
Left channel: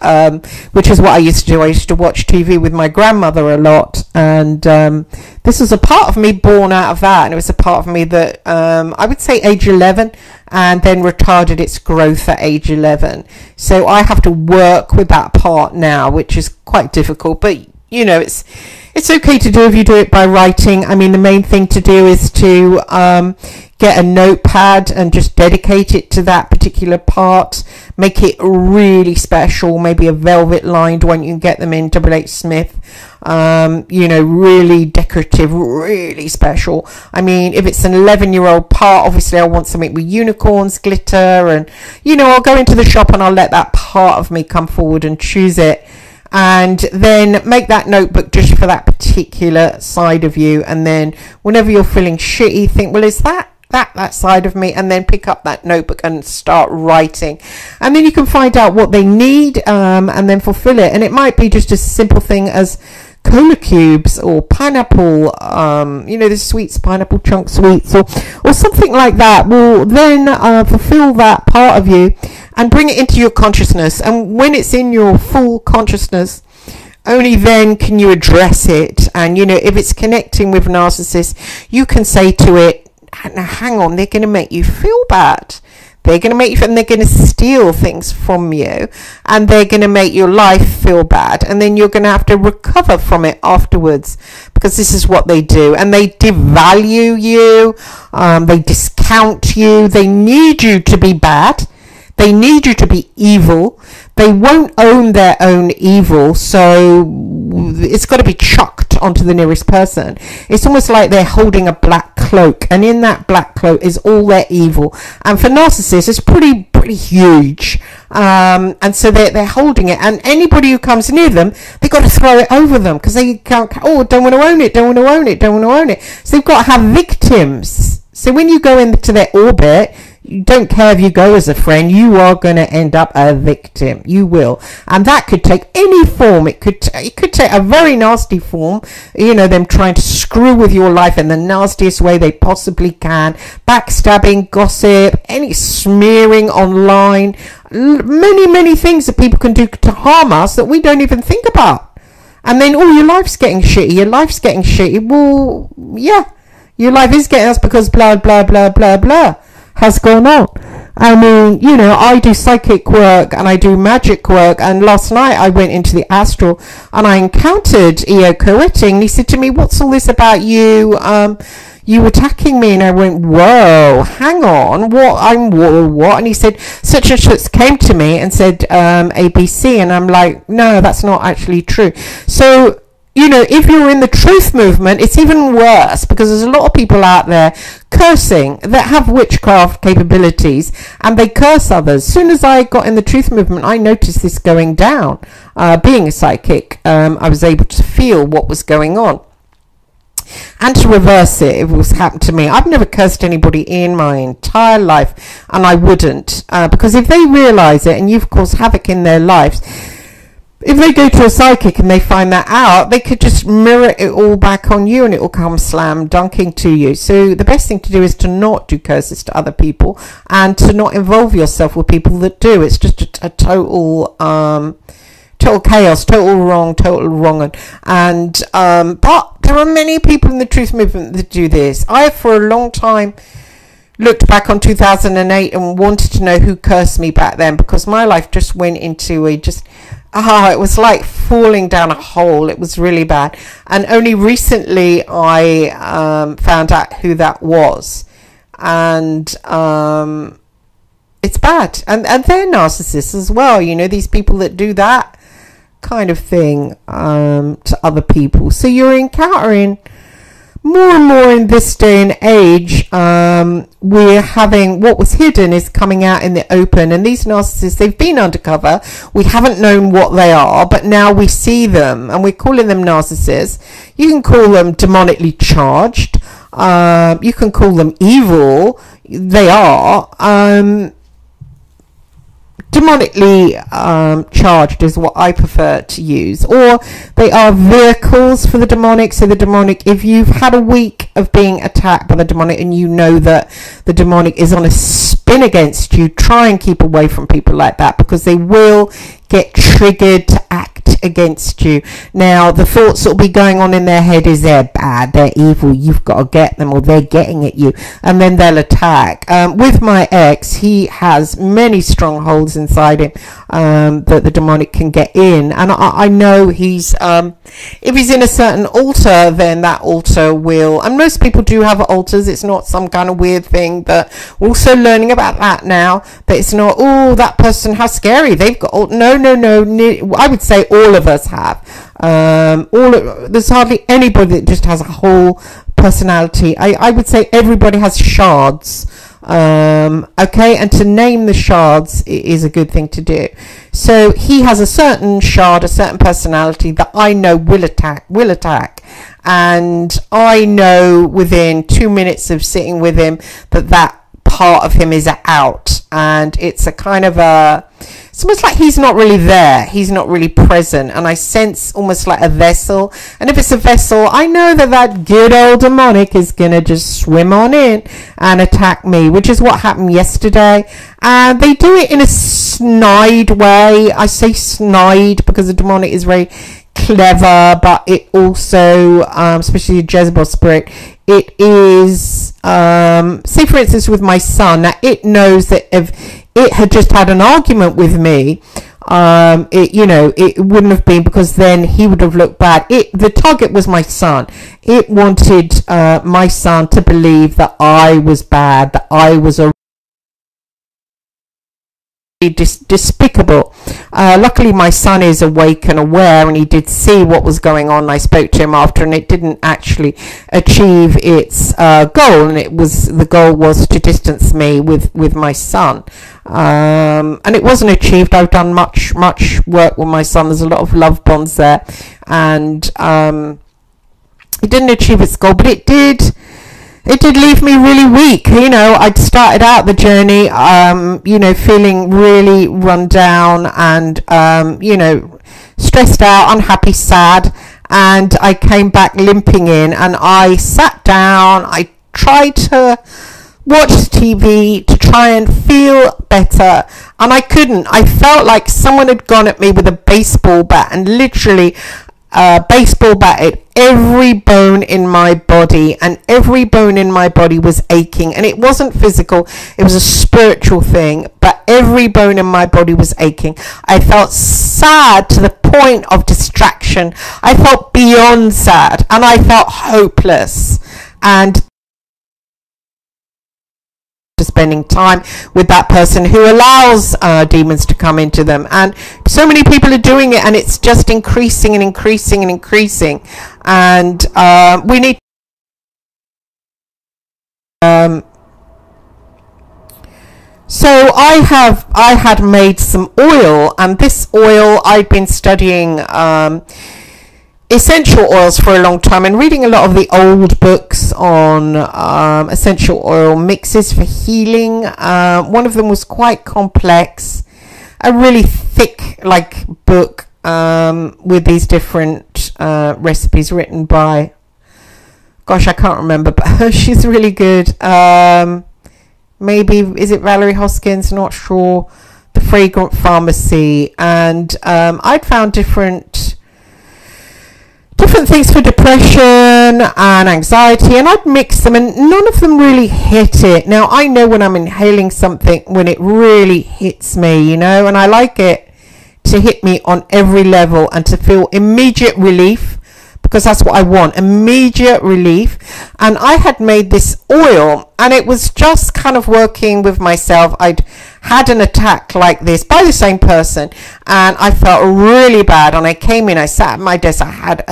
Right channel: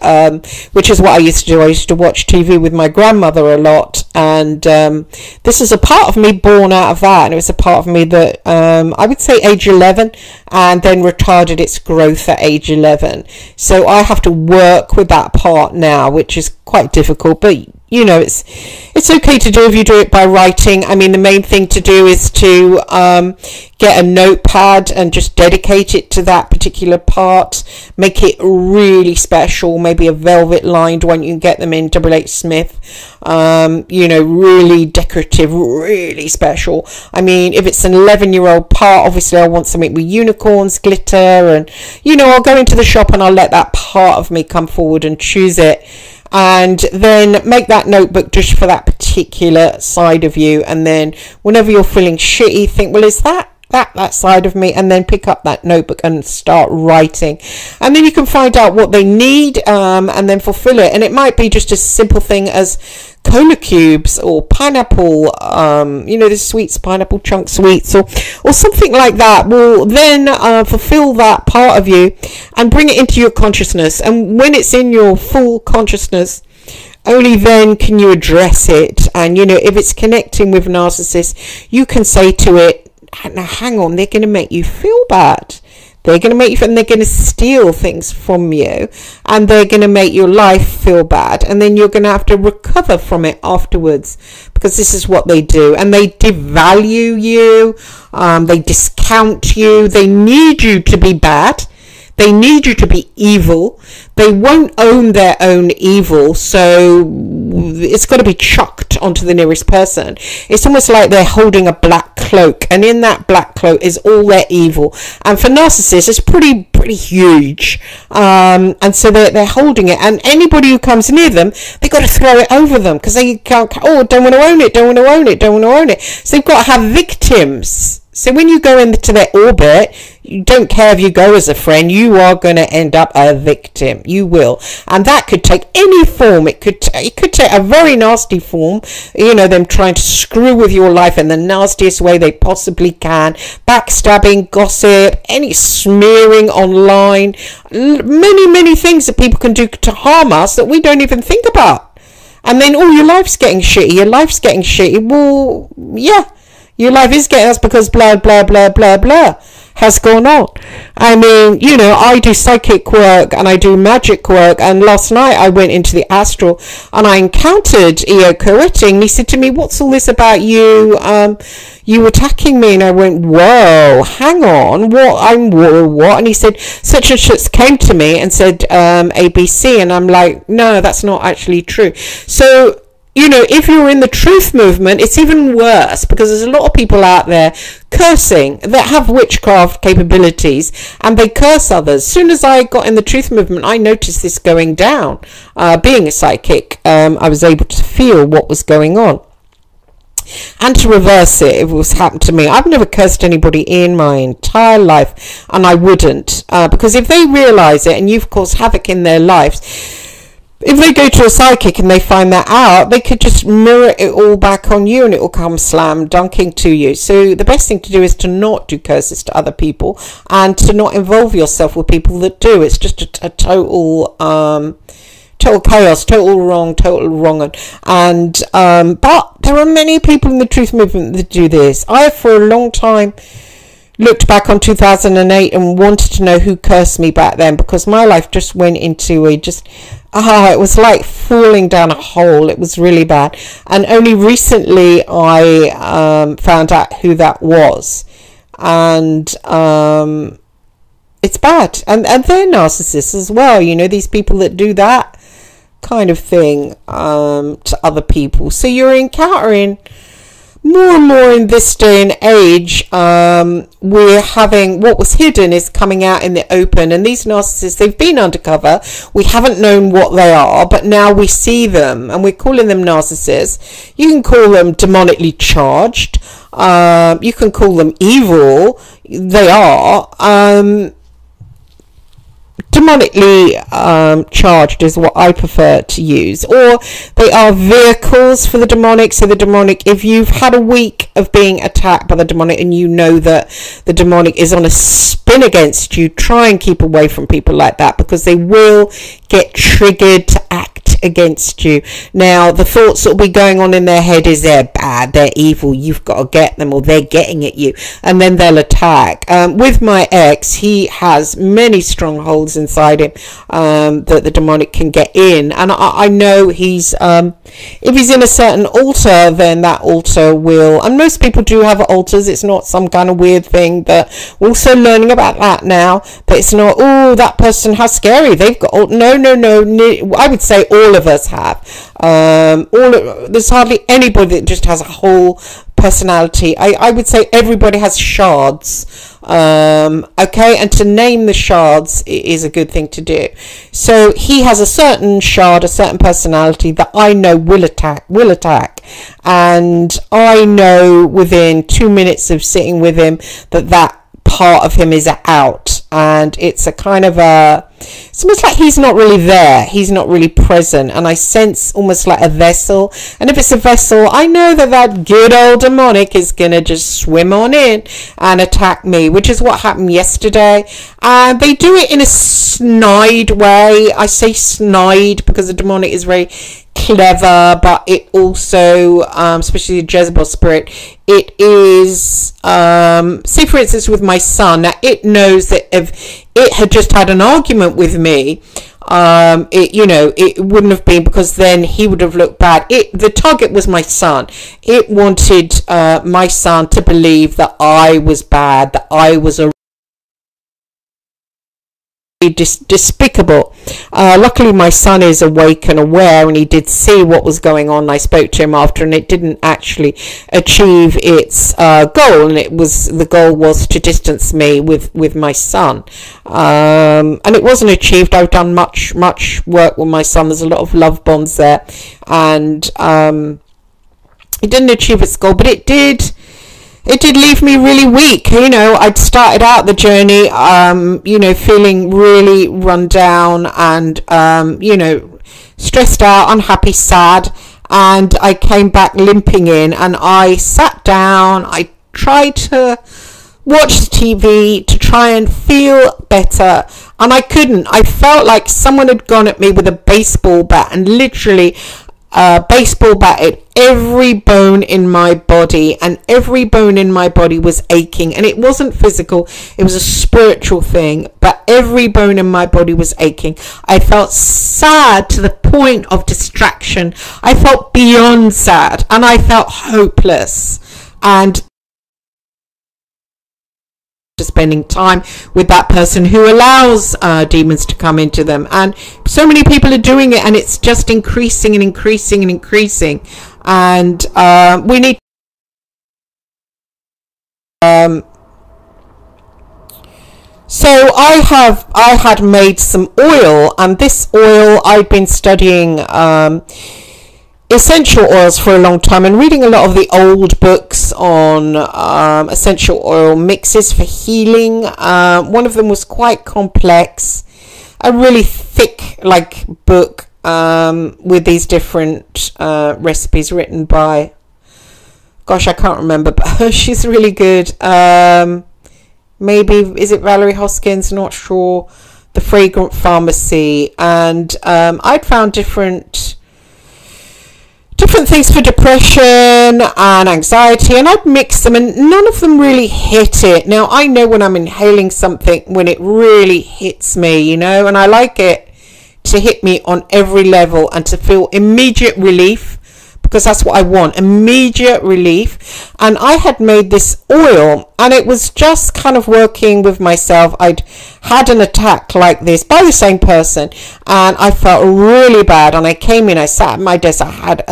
which is what I used to do. I used to watch TV with my grandmother a lot. And this is a part of me born out of that. And it was a part of me that I would say age 11, and then retarded its growth at age 11. So I have to work with that part now, which is quite difficult, but you know, it's okay to do if you do it by writing. I mean, the main thing to do is to get a notepad and just dedicate it to that particular part. Make it really special, maybe a velvet lined one. You can get them in WH Smith. You know, really decorative, really special. I mean, if it's an 11-year-old part, obviously I want something with unicorns, glitter, and, you know, I'll go into the shop and I'll let that part of me come forward and choose it. And then make that notebook just for that particular side of you. And then whenever you're feeling shitty, think, well, is that side of me? And then pick up that notebook and start writing. And then you can find out what they need, and then fulfill it. And it might be just a simple thing as cola cubes or pineapple, you know, the sweets, pineapple chunk sweets, or something like that. Will then fulfill that part of you and bring it into your consciousness. And when it's in your full consciousness, only then can you address it. And, you know, if it's connecting with narcissists, you can say to it, now hang on, they're going to make you feel bad. They're going to make you, and they're going to steal things from you, and they're going to make your life feel bad, and then you're going to have to recover from it afterwards, because this is what they do. And they devalue you, they discount you, they need you to be bad, they need you to be evil. They won't own their own evil, so it's got to be chucked onto the nearest person. It's almost like they're holding a black cloak, and in that black cloak is all their evil. And for narcissists, it's pretty huge. And so they're holding it, and anybody who comes near them, they've got to throw it over them, because they can't, don't want to own it, don't want to own it, don't want to own it. So they've got to have victims. So when you go into their orbit, you don't care if you go as a friend, you are going to end up a victim. You will. And that could take any form. It could take a very nasty form, you know, them trying to screw with your life in the nastiest way they possibly can. Backstabbing, gossip, any smearing online, many things that people can do to harm us that we don't even think about. And then, your life's getting shitty. Well, yeah, your life is getting us because blah, blah, blah, blah, blah has gone on. I mean, you know, I do psychic work and I do magic work, and last night I went into the astral and I encountered Eo Coetting, and he said to me, "What's all this about you attacking me?" And I went, "Whoa, hang on, what?" And he said, "Such and such came to me and said ABC," and I'm like, "No, that's not actually true." So, you know, if you're in the truth movement, it's even worse, because there's a lot of people out there cursing that have witchcraft capabilities, and they curse others. As soon as I got in the truth movement, I noticed this going down. Being a psychic, I was able to feel what was going on. And to reverse it, if it was happened to me, I've never cursed anybody in my entire life, and I wouldn't, because if they realize it and you've caused havoc in their lives, if they go to a psychic and they find that out, they could just mirror it all back on you, and it will come slam dunking to you. So the best thing to do is to not do curses to other people, and to not involve yourself with people that do. It's just a total chaos, total wrong. And but there are many people in the truth movement that do this. I have for a long time looked back on 2008 and wanted to know who cursed me back then, because my life just went into it was like falling down a hole. It was really bad. And only recently I found out who that was. And it's bad. And they're narcissists as well. You know, these people that do that kind of thing to other people. So you're encountering more and more in this day and age. We're having what was hidden is coming out in the open, and these narcissists, they've been undercover. We haven't known what they are, but now we see them, and we're calling them narcissists. You can call them demonically charged. You can call them evil. They are. Demonically charged is what I prefer to use, or they are vehicles for the demonic. So the demonic, if you've had a week of being attacked by the demonic and you know that the demonic is on a spin against you, try and keep away from people like that, because they will get triggered to act against you. Now, the thoughts that will be going on in their head is they're bad, they're evil, you've got to get them, or they're getting at you, and then they'll attack. With my ex, he has many strongholds inside him that the demonic can get in, and I know he's if he's in a certain altar, then that altar will, and most people do have altars, it's not some kind of weird thing, but we're also learning about that now, that it's not, oh, that person, how scary, they've got, no, I would say all of us have. There's hardly anybody that just has a whole personality. I would say everybody has shards. Okay, and to name the shards is a good thing to do. So he has a certain shard, a certain personality that I know will attack, and I know within 2 minutes of sitting with him that part of him is out, and it's a kind of it's almost like he's not really there, he's not really present, and I sense almost like a vessel, and if it's a vessel, I know that good old demonic is gonna just swim on in and attack me, which is what happened yesterday. And they do it in a snide way. I say snide because the demonic is very clever, but it also, especially the Jezebel spirit, it is, say for instance with my son, now it knows that if it had just had an argument with me, it wouldn't have been, because then he would have looked bad. The target was my son. It wanted my son to believe that I was bad, that I was a despicable. Luckily my son is awake and aware, and he did see what was going on. I spoke to him after, and it didn't actually achieve its goal, and the goal was to distance me with my son, and it wasn't achieved. I've done much work with my son. There's a lot of love bonds there, and it didn't achieve its goal, but it did leave me really weak. I'd started out the journey, feeling really run down and, stressed out, unhappy, sad. And I came back limping in, and I sat down. I tried to watch TV to try and feel better. And I couldn't. I felt like someone had gone at me with a baseball bat and literally baseball batted every bone in my body, and every bone in my body was aching. And it wasn't physical, it was a spiritual thing, but every bone in my body was aching. I felt sad to the point of distraction. I felt beyond sad, and I felt hopeless. And spending time with that person who allows demons to come into them, and so many people are doing it, and it's just increasing and increasing and increasing. And we need so I had made some oil, and this oil, I'd been studying essential oils for a long time and reading a lot of the old books on essential oil mixes for healing. One of them was quite complex, a really thick book with these different recipes written by, gosh, I can't remember, but she's really good. Maybe, is it Valerie Hoskins? Not sure. The Fragrant Pharmacy. And I'd found different things for depression and anxiety, and I'd mix them, and none of them really hit it. Now, I know when I'm inhaling something, when it really hits me, and I like it to hit me on every level and to feel immediate relief, because that's what I want, immediate relief. And I had made this oil, and it was just kind of working with myself. I'd had an attack like this by the same person, and I felt really bad. And I came in, I sat at my desk, I had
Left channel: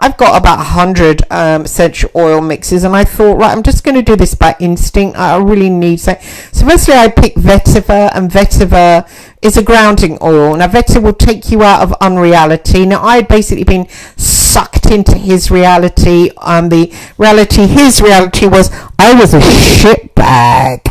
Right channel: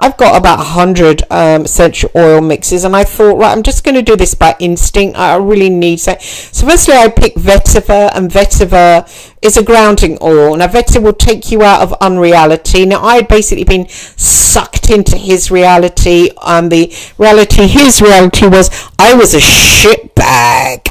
I've got about 100 essential oil mixes, and I thought, right, I'm just going to do this by instinct. I really need so firstly I picked vetiver, and vetiver is a grounding oil. Now, vetiver will take you out of unreality. Now, I had basically been sucked into his reality, and his reality was I was a shitbag.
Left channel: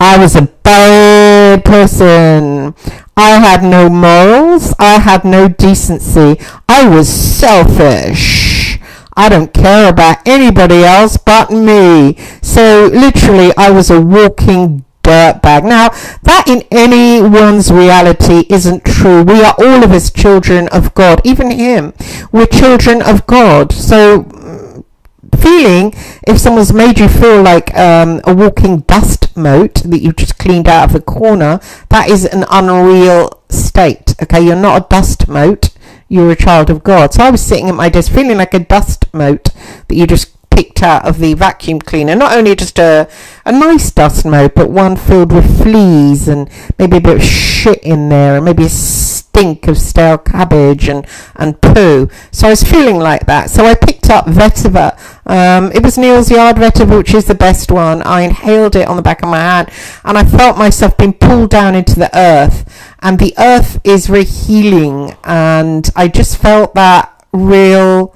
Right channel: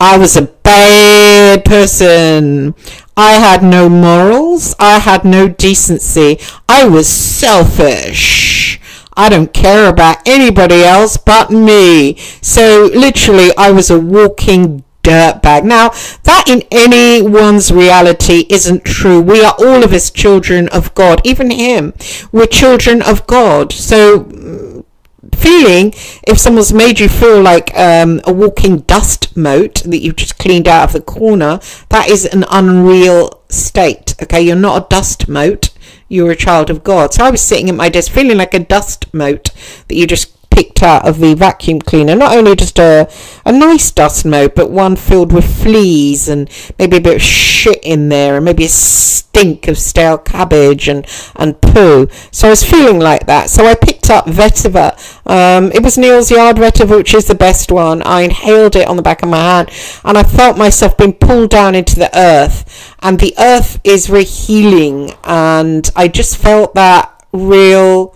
I was a bad person. I had no morals. I had no decency. I was selfish. I don't care about anybody else but me. So literally, I was a walking dirtbag. Now, that in anyone's reality isn't true. We are all of us children of God. Even him. We're children of God. So feeling, if someone's made you feel like a walking dust mote that you've just cleaned out of the corner, that is an unreal state. Okay, you're not a dust mote, you're a child of God. So I was sitting at my desk feeling like a dust mote that you just picked out of the vacuum cleaner. Not only just a nice dust mote, but one filled with fleas and maybe a bit of shit in there, and maybe a stink of stale cabbage and poo. So I was feeling like that. So I picked up vetiver. It was Neal's Yard vetiver, which is the best one. I inhaled it on the back of my hand, and I felt myself being pulled down into the earth, and the earth is very healing, and I just felt that real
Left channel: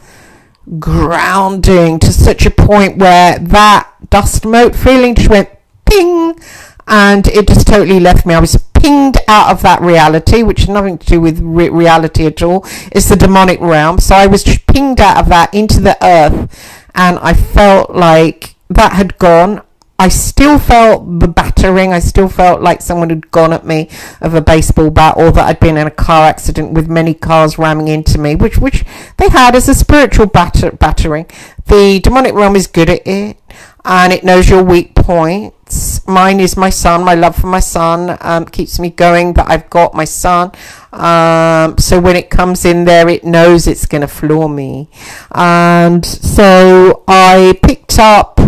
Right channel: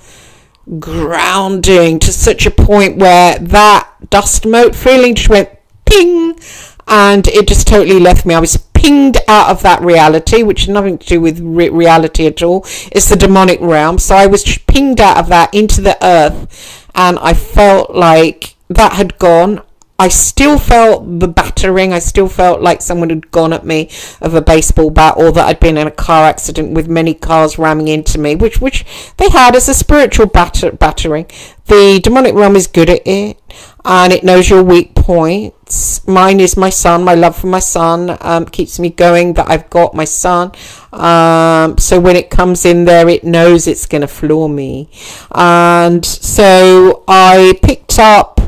grounding to such a point where that dust mote feeling just went ping, and it just totally left me. I was pinged out of that reality, which has nothing to do with reality at all. It's the demonic realm. So I was just pinged out of that into the earth, and I felt like that had gone. I still felt the battering. I still felt like someone had gone at me of a baseball bat, or that I'd been in a car accident with many cars ramming into me, which they had as a spiritual battering. The demonic realm is good at it, and it knows your weak points. Mine is my son. My love for my son keeps me going, that I've got my son. So when it comes in there, it knows it's going to floor me. And so I picked up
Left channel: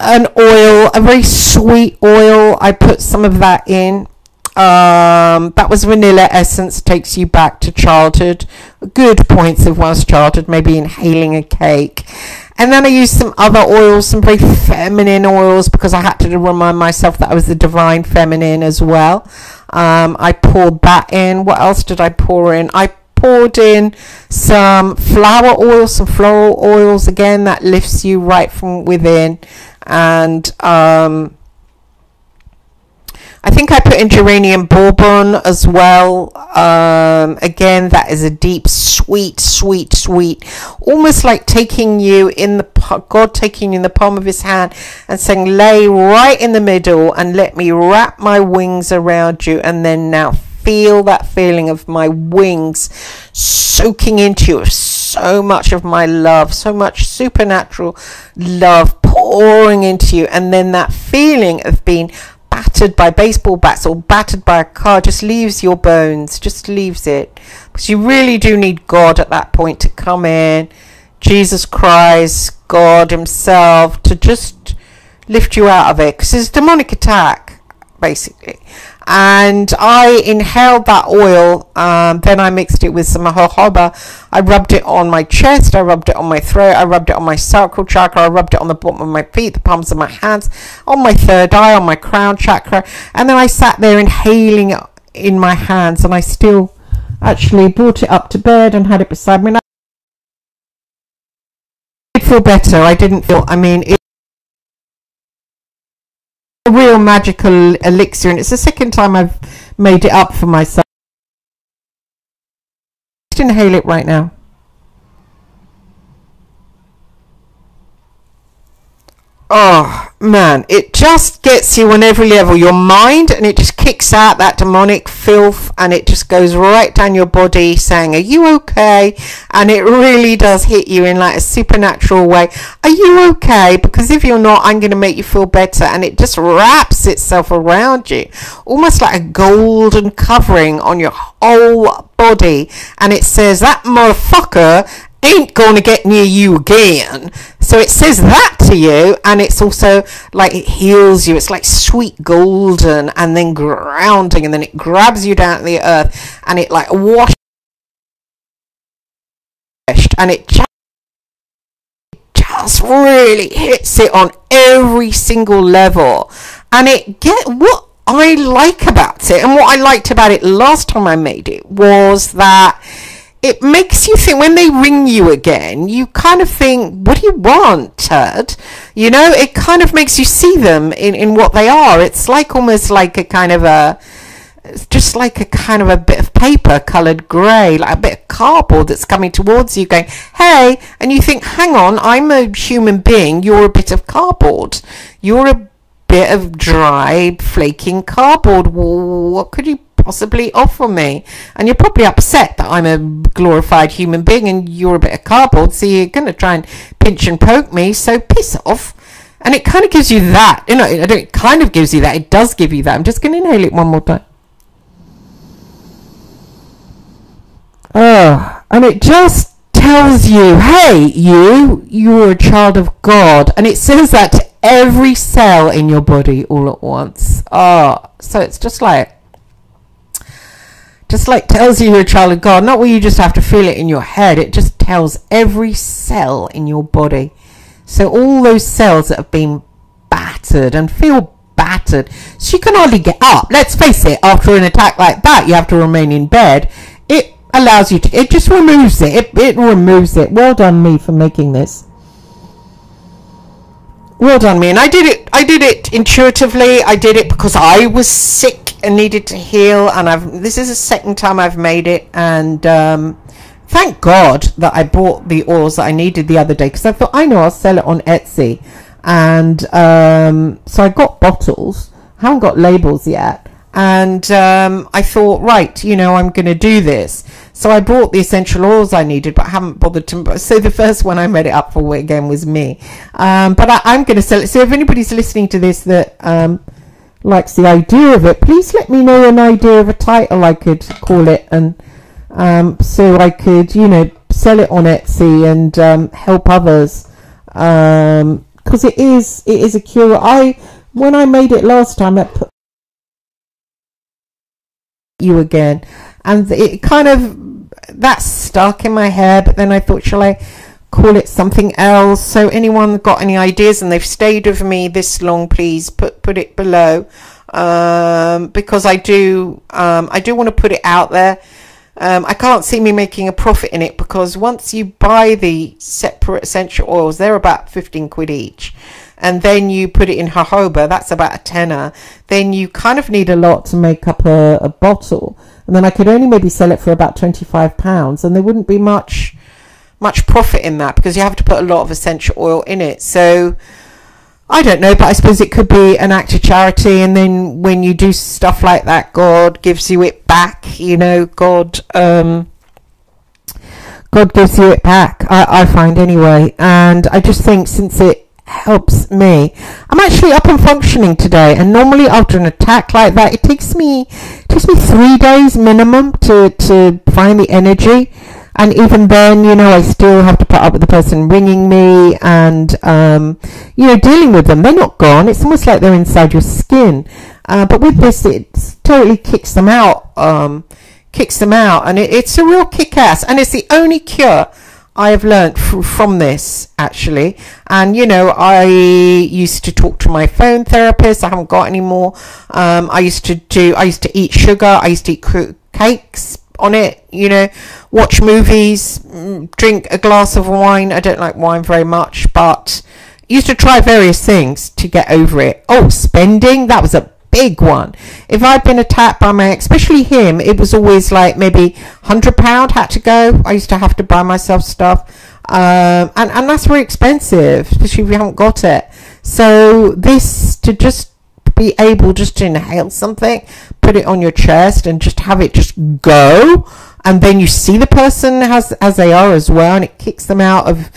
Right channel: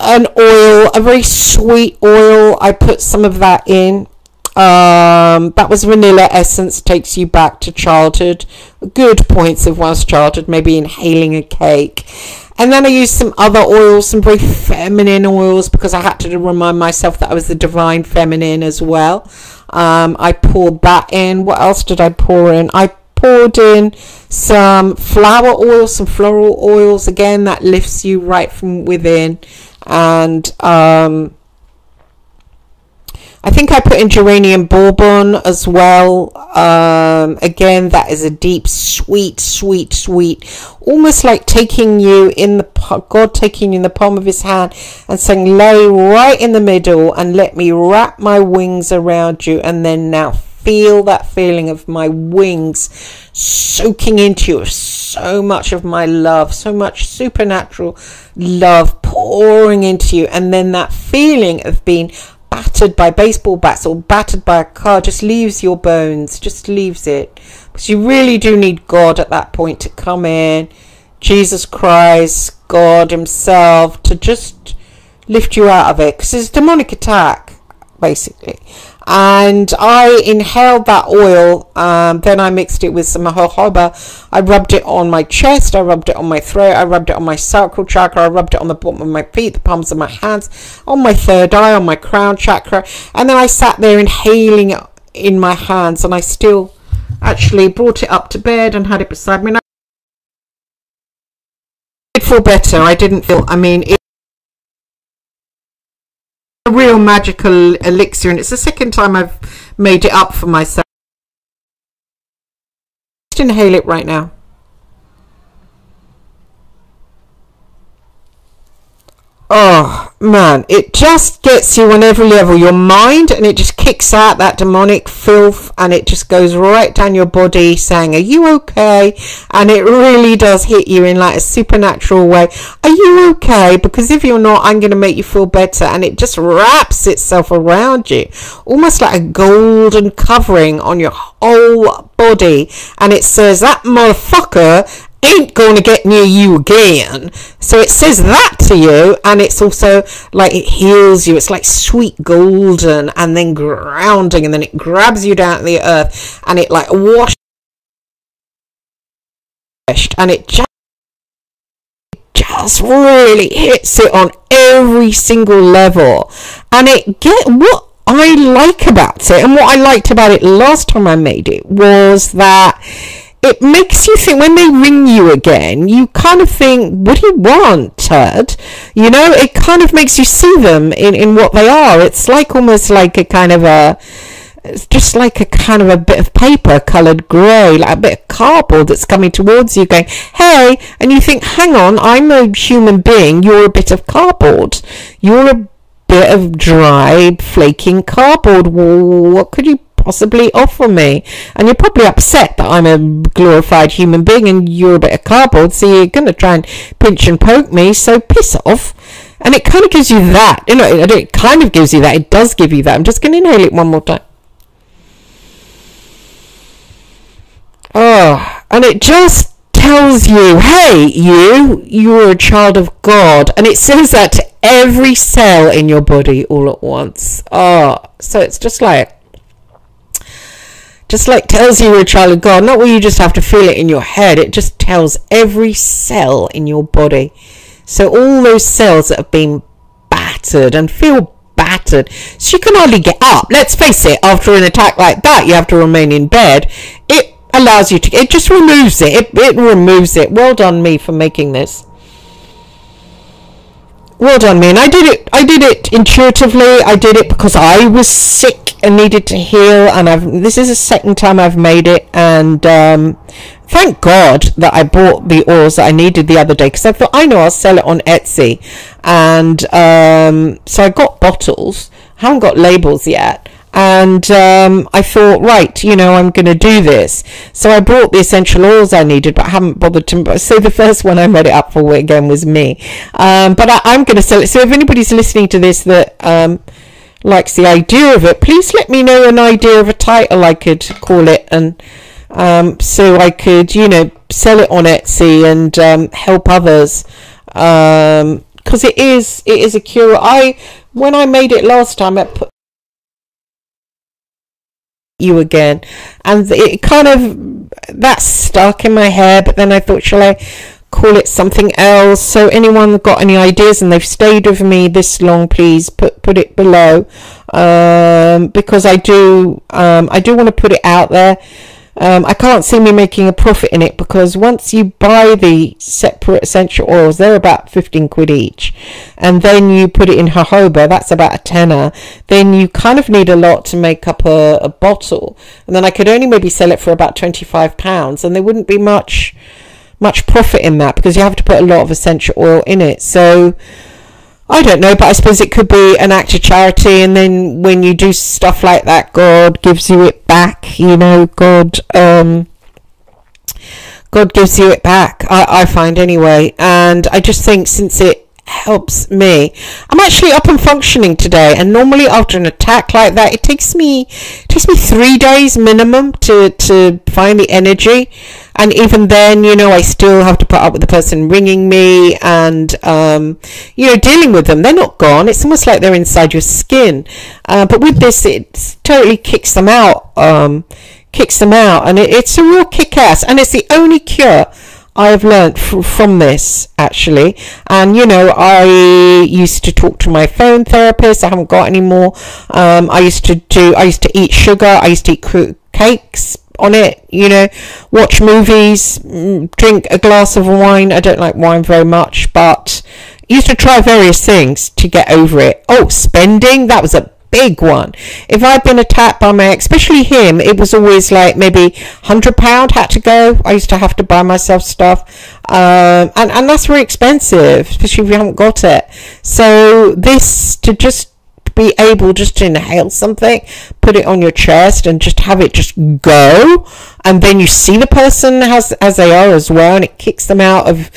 an oil, a very sweet oil. I put some of that in. That was vanilla essence, takes you back to childhood, good points of one's childhood, maybe inhaling a cake. And then I used some other oils, some very feminine oils, because I had to remind myself that I was the divine feminine as well. I poured that in. What else did I pour in? I poured in some flower oil, some floral oils, again, that lifts you right from within. And I think I put in geranium bourbon as well. Again, that is a deep, sweet, sweet, sweet, almost like taking you in the, God taking you in the palm of his hand and saying, lay right in the middle and let me wrap my wings around you. And then now feel that feeling of my wings soaking into you, so much of my love, so much supernatural love pouring into you. And then that feeling of being battered by baseball bats or battered by a car just leaves your bones, just leaves it, because you really do need God at that point to come in, Jesus Christ, God himself, to just lift you out of it, because it's a demonic attack basically. And I inhaled that oil, then I mixed it with some jojoba. I rubbed it on my chest, I rubbed it on my throat, I rubbed it on my sacral chakra, I rubbed it on the bottom of my feet, the palms of my hands, on my third eye, on my crown chakra. And then I sat there inhaling it in my hands, and I still actually brought it up to bed and had it beside me. And I did feel better. I didn't feel, I mean, it a real magical elixir, and it's the second time I've made it up for myself. Just inhale it right now. Oh man, it just gets you on every level, your mind, and it just kicks out that demonic filth, and it just goes right down your body saying, are you okay? And it really does hit you in like a supernatural way. Are you okay? Because if you're not, I'm going to make you feel better. And it just wraps itself around you, almost like a golden covering on your whole body, and it says, that motherfucker ain't gonna get near you again. So it says that to you, and it's also like it heals you. It's like sweet golden and then grounding, and then it grabs you down to the earth, and it like washes, and it just really hits it on every single level. And it what I like about it, and what I liked about it last time I made it, was that it makes you think, when they ring you again, you kind of think, what do you want, turd? You know, it kind of makes you see them in what they are. It's like almost like a kind of a, just like a kind of a bit of paper coloured grey, like a bit of cardboard that's coming towards you going, hey, and you think, hang on, I'm a human being, you're a bit of cardboard. You're a bit of dry, flaking cardboard. Well, what could you possibly offer me? And you're probably upset that I'm a glorified human being and you're a bit of cardboard, so you're going to try and pinch and poke me, so piss off. And it kind of gives you that, you know, it kind of gives you that, it does give you that. I'm just going to inhale it one more time. And it just tells you, hey, you're a child of God. And it says that to every cell in your body all at once. So it's just like tells you you're a child of God. Not where you just have to feel it in your head. It just tells every cell in your body. So all those cells that have been battered and feel battered, so you can hardly get up. Let's face it, after an attack like that, you have to remain in bed. It allows you to, it just removes it. It removes it. Well done me for making this. Well done me. And I did it intuitively. I did it because I was sick and needed to heal, and this is the second time I've made it, and thank God that I bought the oils that I needed the other day, because I thought, I know, I'll sell it on Etsy, And so I got bottles. I haven't got labels yet. And I thought, right, you know, I'm going to do this. So I brought the essential oils I needed, but I haven't bothered to. So the first one I made it up for again was me. But I'm going to sell it. So if anybody's listening to this that likes the idea of it, please let me know an idea of a title I could call it, and so I could, you know, sell it on Etsy and help others, because it is a cure. When I made it last time, I put you again, and it kind of that stuck in my hair, but then I thought, shall I call it something else? So anyone got any ideas and they've stayed with me this long, please put it below, because I do want to put it out there. I can't see me making a profit in it, because once you buy the separate essential oils, they're about 15 quid each, and then you put it in jojoba, that's about a tenner. Then you kind of need a lot to make up a bottle, and then I could only maybe sell it for about £25, and there wouldn't be much profit in that, because you have to put a lot of essential oil in it. So I don't know, but I suppose it could be an act of charity, and then when you do stuff like that, God gives you it back, you know. God gives you it back, I find anyway. And I just think, since it helps me, I'm actually up and functioning today, and normally after an attack like that, it takes me 3 days minimum to find the energy. And even then, you know, I still have to put up with the person ringing me and, you know, dealing with them. They're not gone. It's almost like they're inside your skin. But with this, it totally kicks them out. And it's a real kick-ass. And it's the only cure I have learned from this, actually. And, you know, I used to talk to my phone therapist. I haven't got any more. I used to eat sugar. I used to eat cakes on it, you know, watch movies, drink a glass of wine. I don't like wine very much, but I used to try various things to get over it. Oh, spending, that was a big one. If I'd been attacked by my ex, especially him, it was always like maybe £100 had to go. I used to have to buy myself stuff, and that's very expensive, especially if you haven't got it. So this, to just be able just to inhale something, put it on your chest, and just have it just go, and then you see the person as they are as well, and it kicks them out of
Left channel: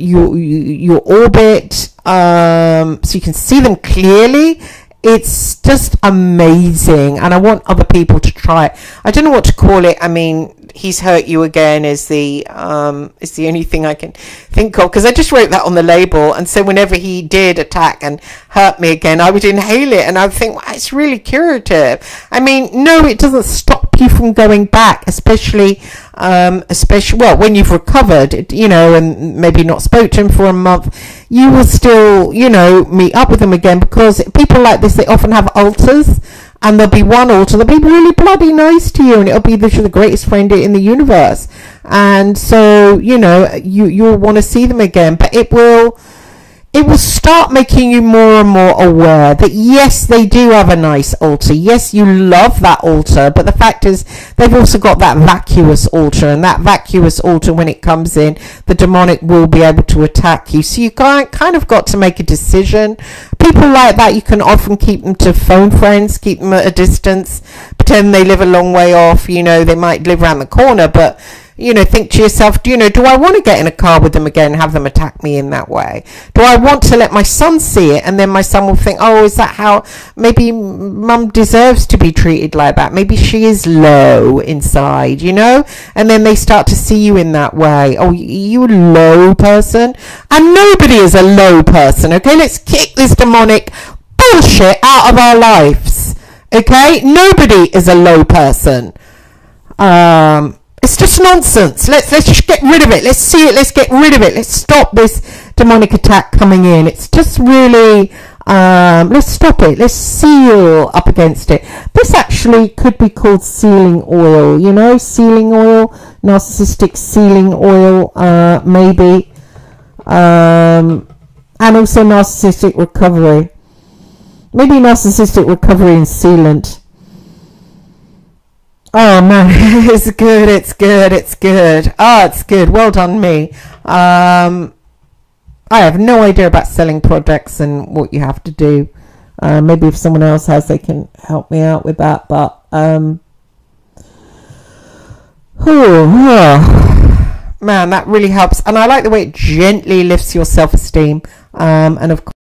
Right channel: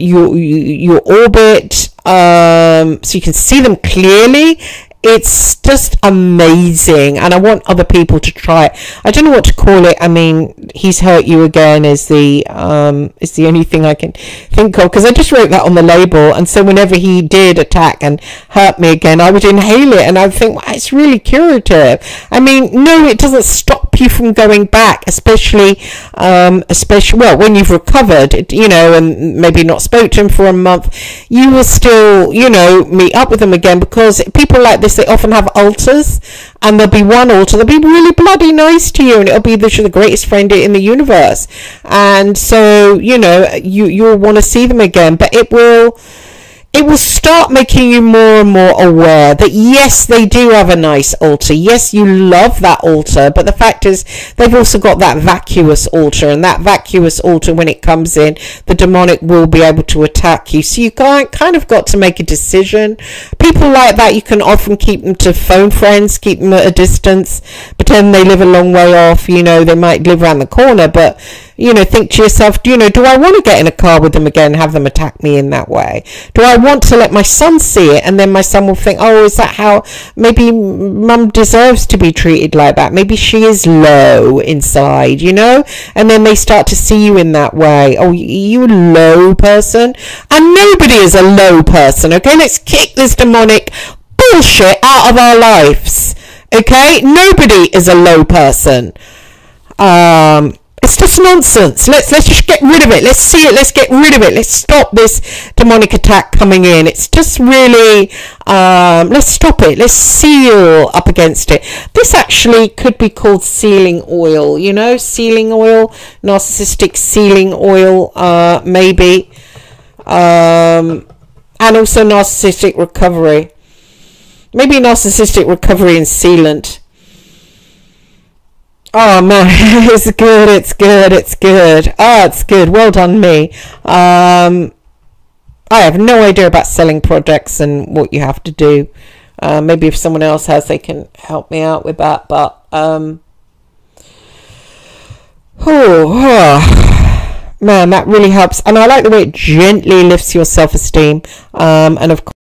your orbit, so you can see them clearly. It's just amazing, and I want other people to try it. I don't know what to call it. I mean, he's hurt you again is the only thing I can think of, because I just wrote that on the label, and so whenever he did attack and hurt me again, I would inhale it, and I would think, well, it's really curative. I mean, no, it doesn't stop you from going back, especially well, when you've recovered, you know, and maybe not spoke to him for a month, you will still, you know, meet up with him again, because people like this, they often have altars, and there'll be one altar that'll be really bloody nice to you, and it'll be the greatest friend in the universe, and so, you know, you'll want to see them again, but it will start making you more and more aware that, yes, they do have a nice altar. Yes, you love that altar, but the fact is they've also got that vacuous altar, and that vacuous altar, when it comes in, the demonic will be able to attack you. So you kind of got to make a decision. People like that, you can often keep them to phone friends, keep them at a distance, pretend they live a long way off. You know, they might live around the corner, but, you know, think to yourself, you know, do I want to get in a car with them again and have them attack me in that way? Do I want to let my son see it, and then my son will think, oh, is that how, maybe mum deserves to be treated like that? Maybe she is low inside, you know? And then they start to see you in that way. Oh, you a low person? And nobody is a low person, okay? Let's kick this demonic bullshit out of our lives, okay? Nobody is a low person. It's just nonsense. Let's just get rid of it. Let's see it. Let's get rid of it. Let's stop this demonic attack coming in. It's just really, let's stop it. Let's seal up against it. This actually could be called sealing oil, you know, sealing oil, narcissistic sealing oil, maybe, and also narcissistic recovery. Maybe narcissistic recovery and sealant. Oh man, it's good. Oh, it's good. Well done, me. I have no idea about selling products and what you have to do. Maybe if someone else has, they can help me out with that. But man, that really helps. And I like the way it gently lifts your self-esteem. And of course,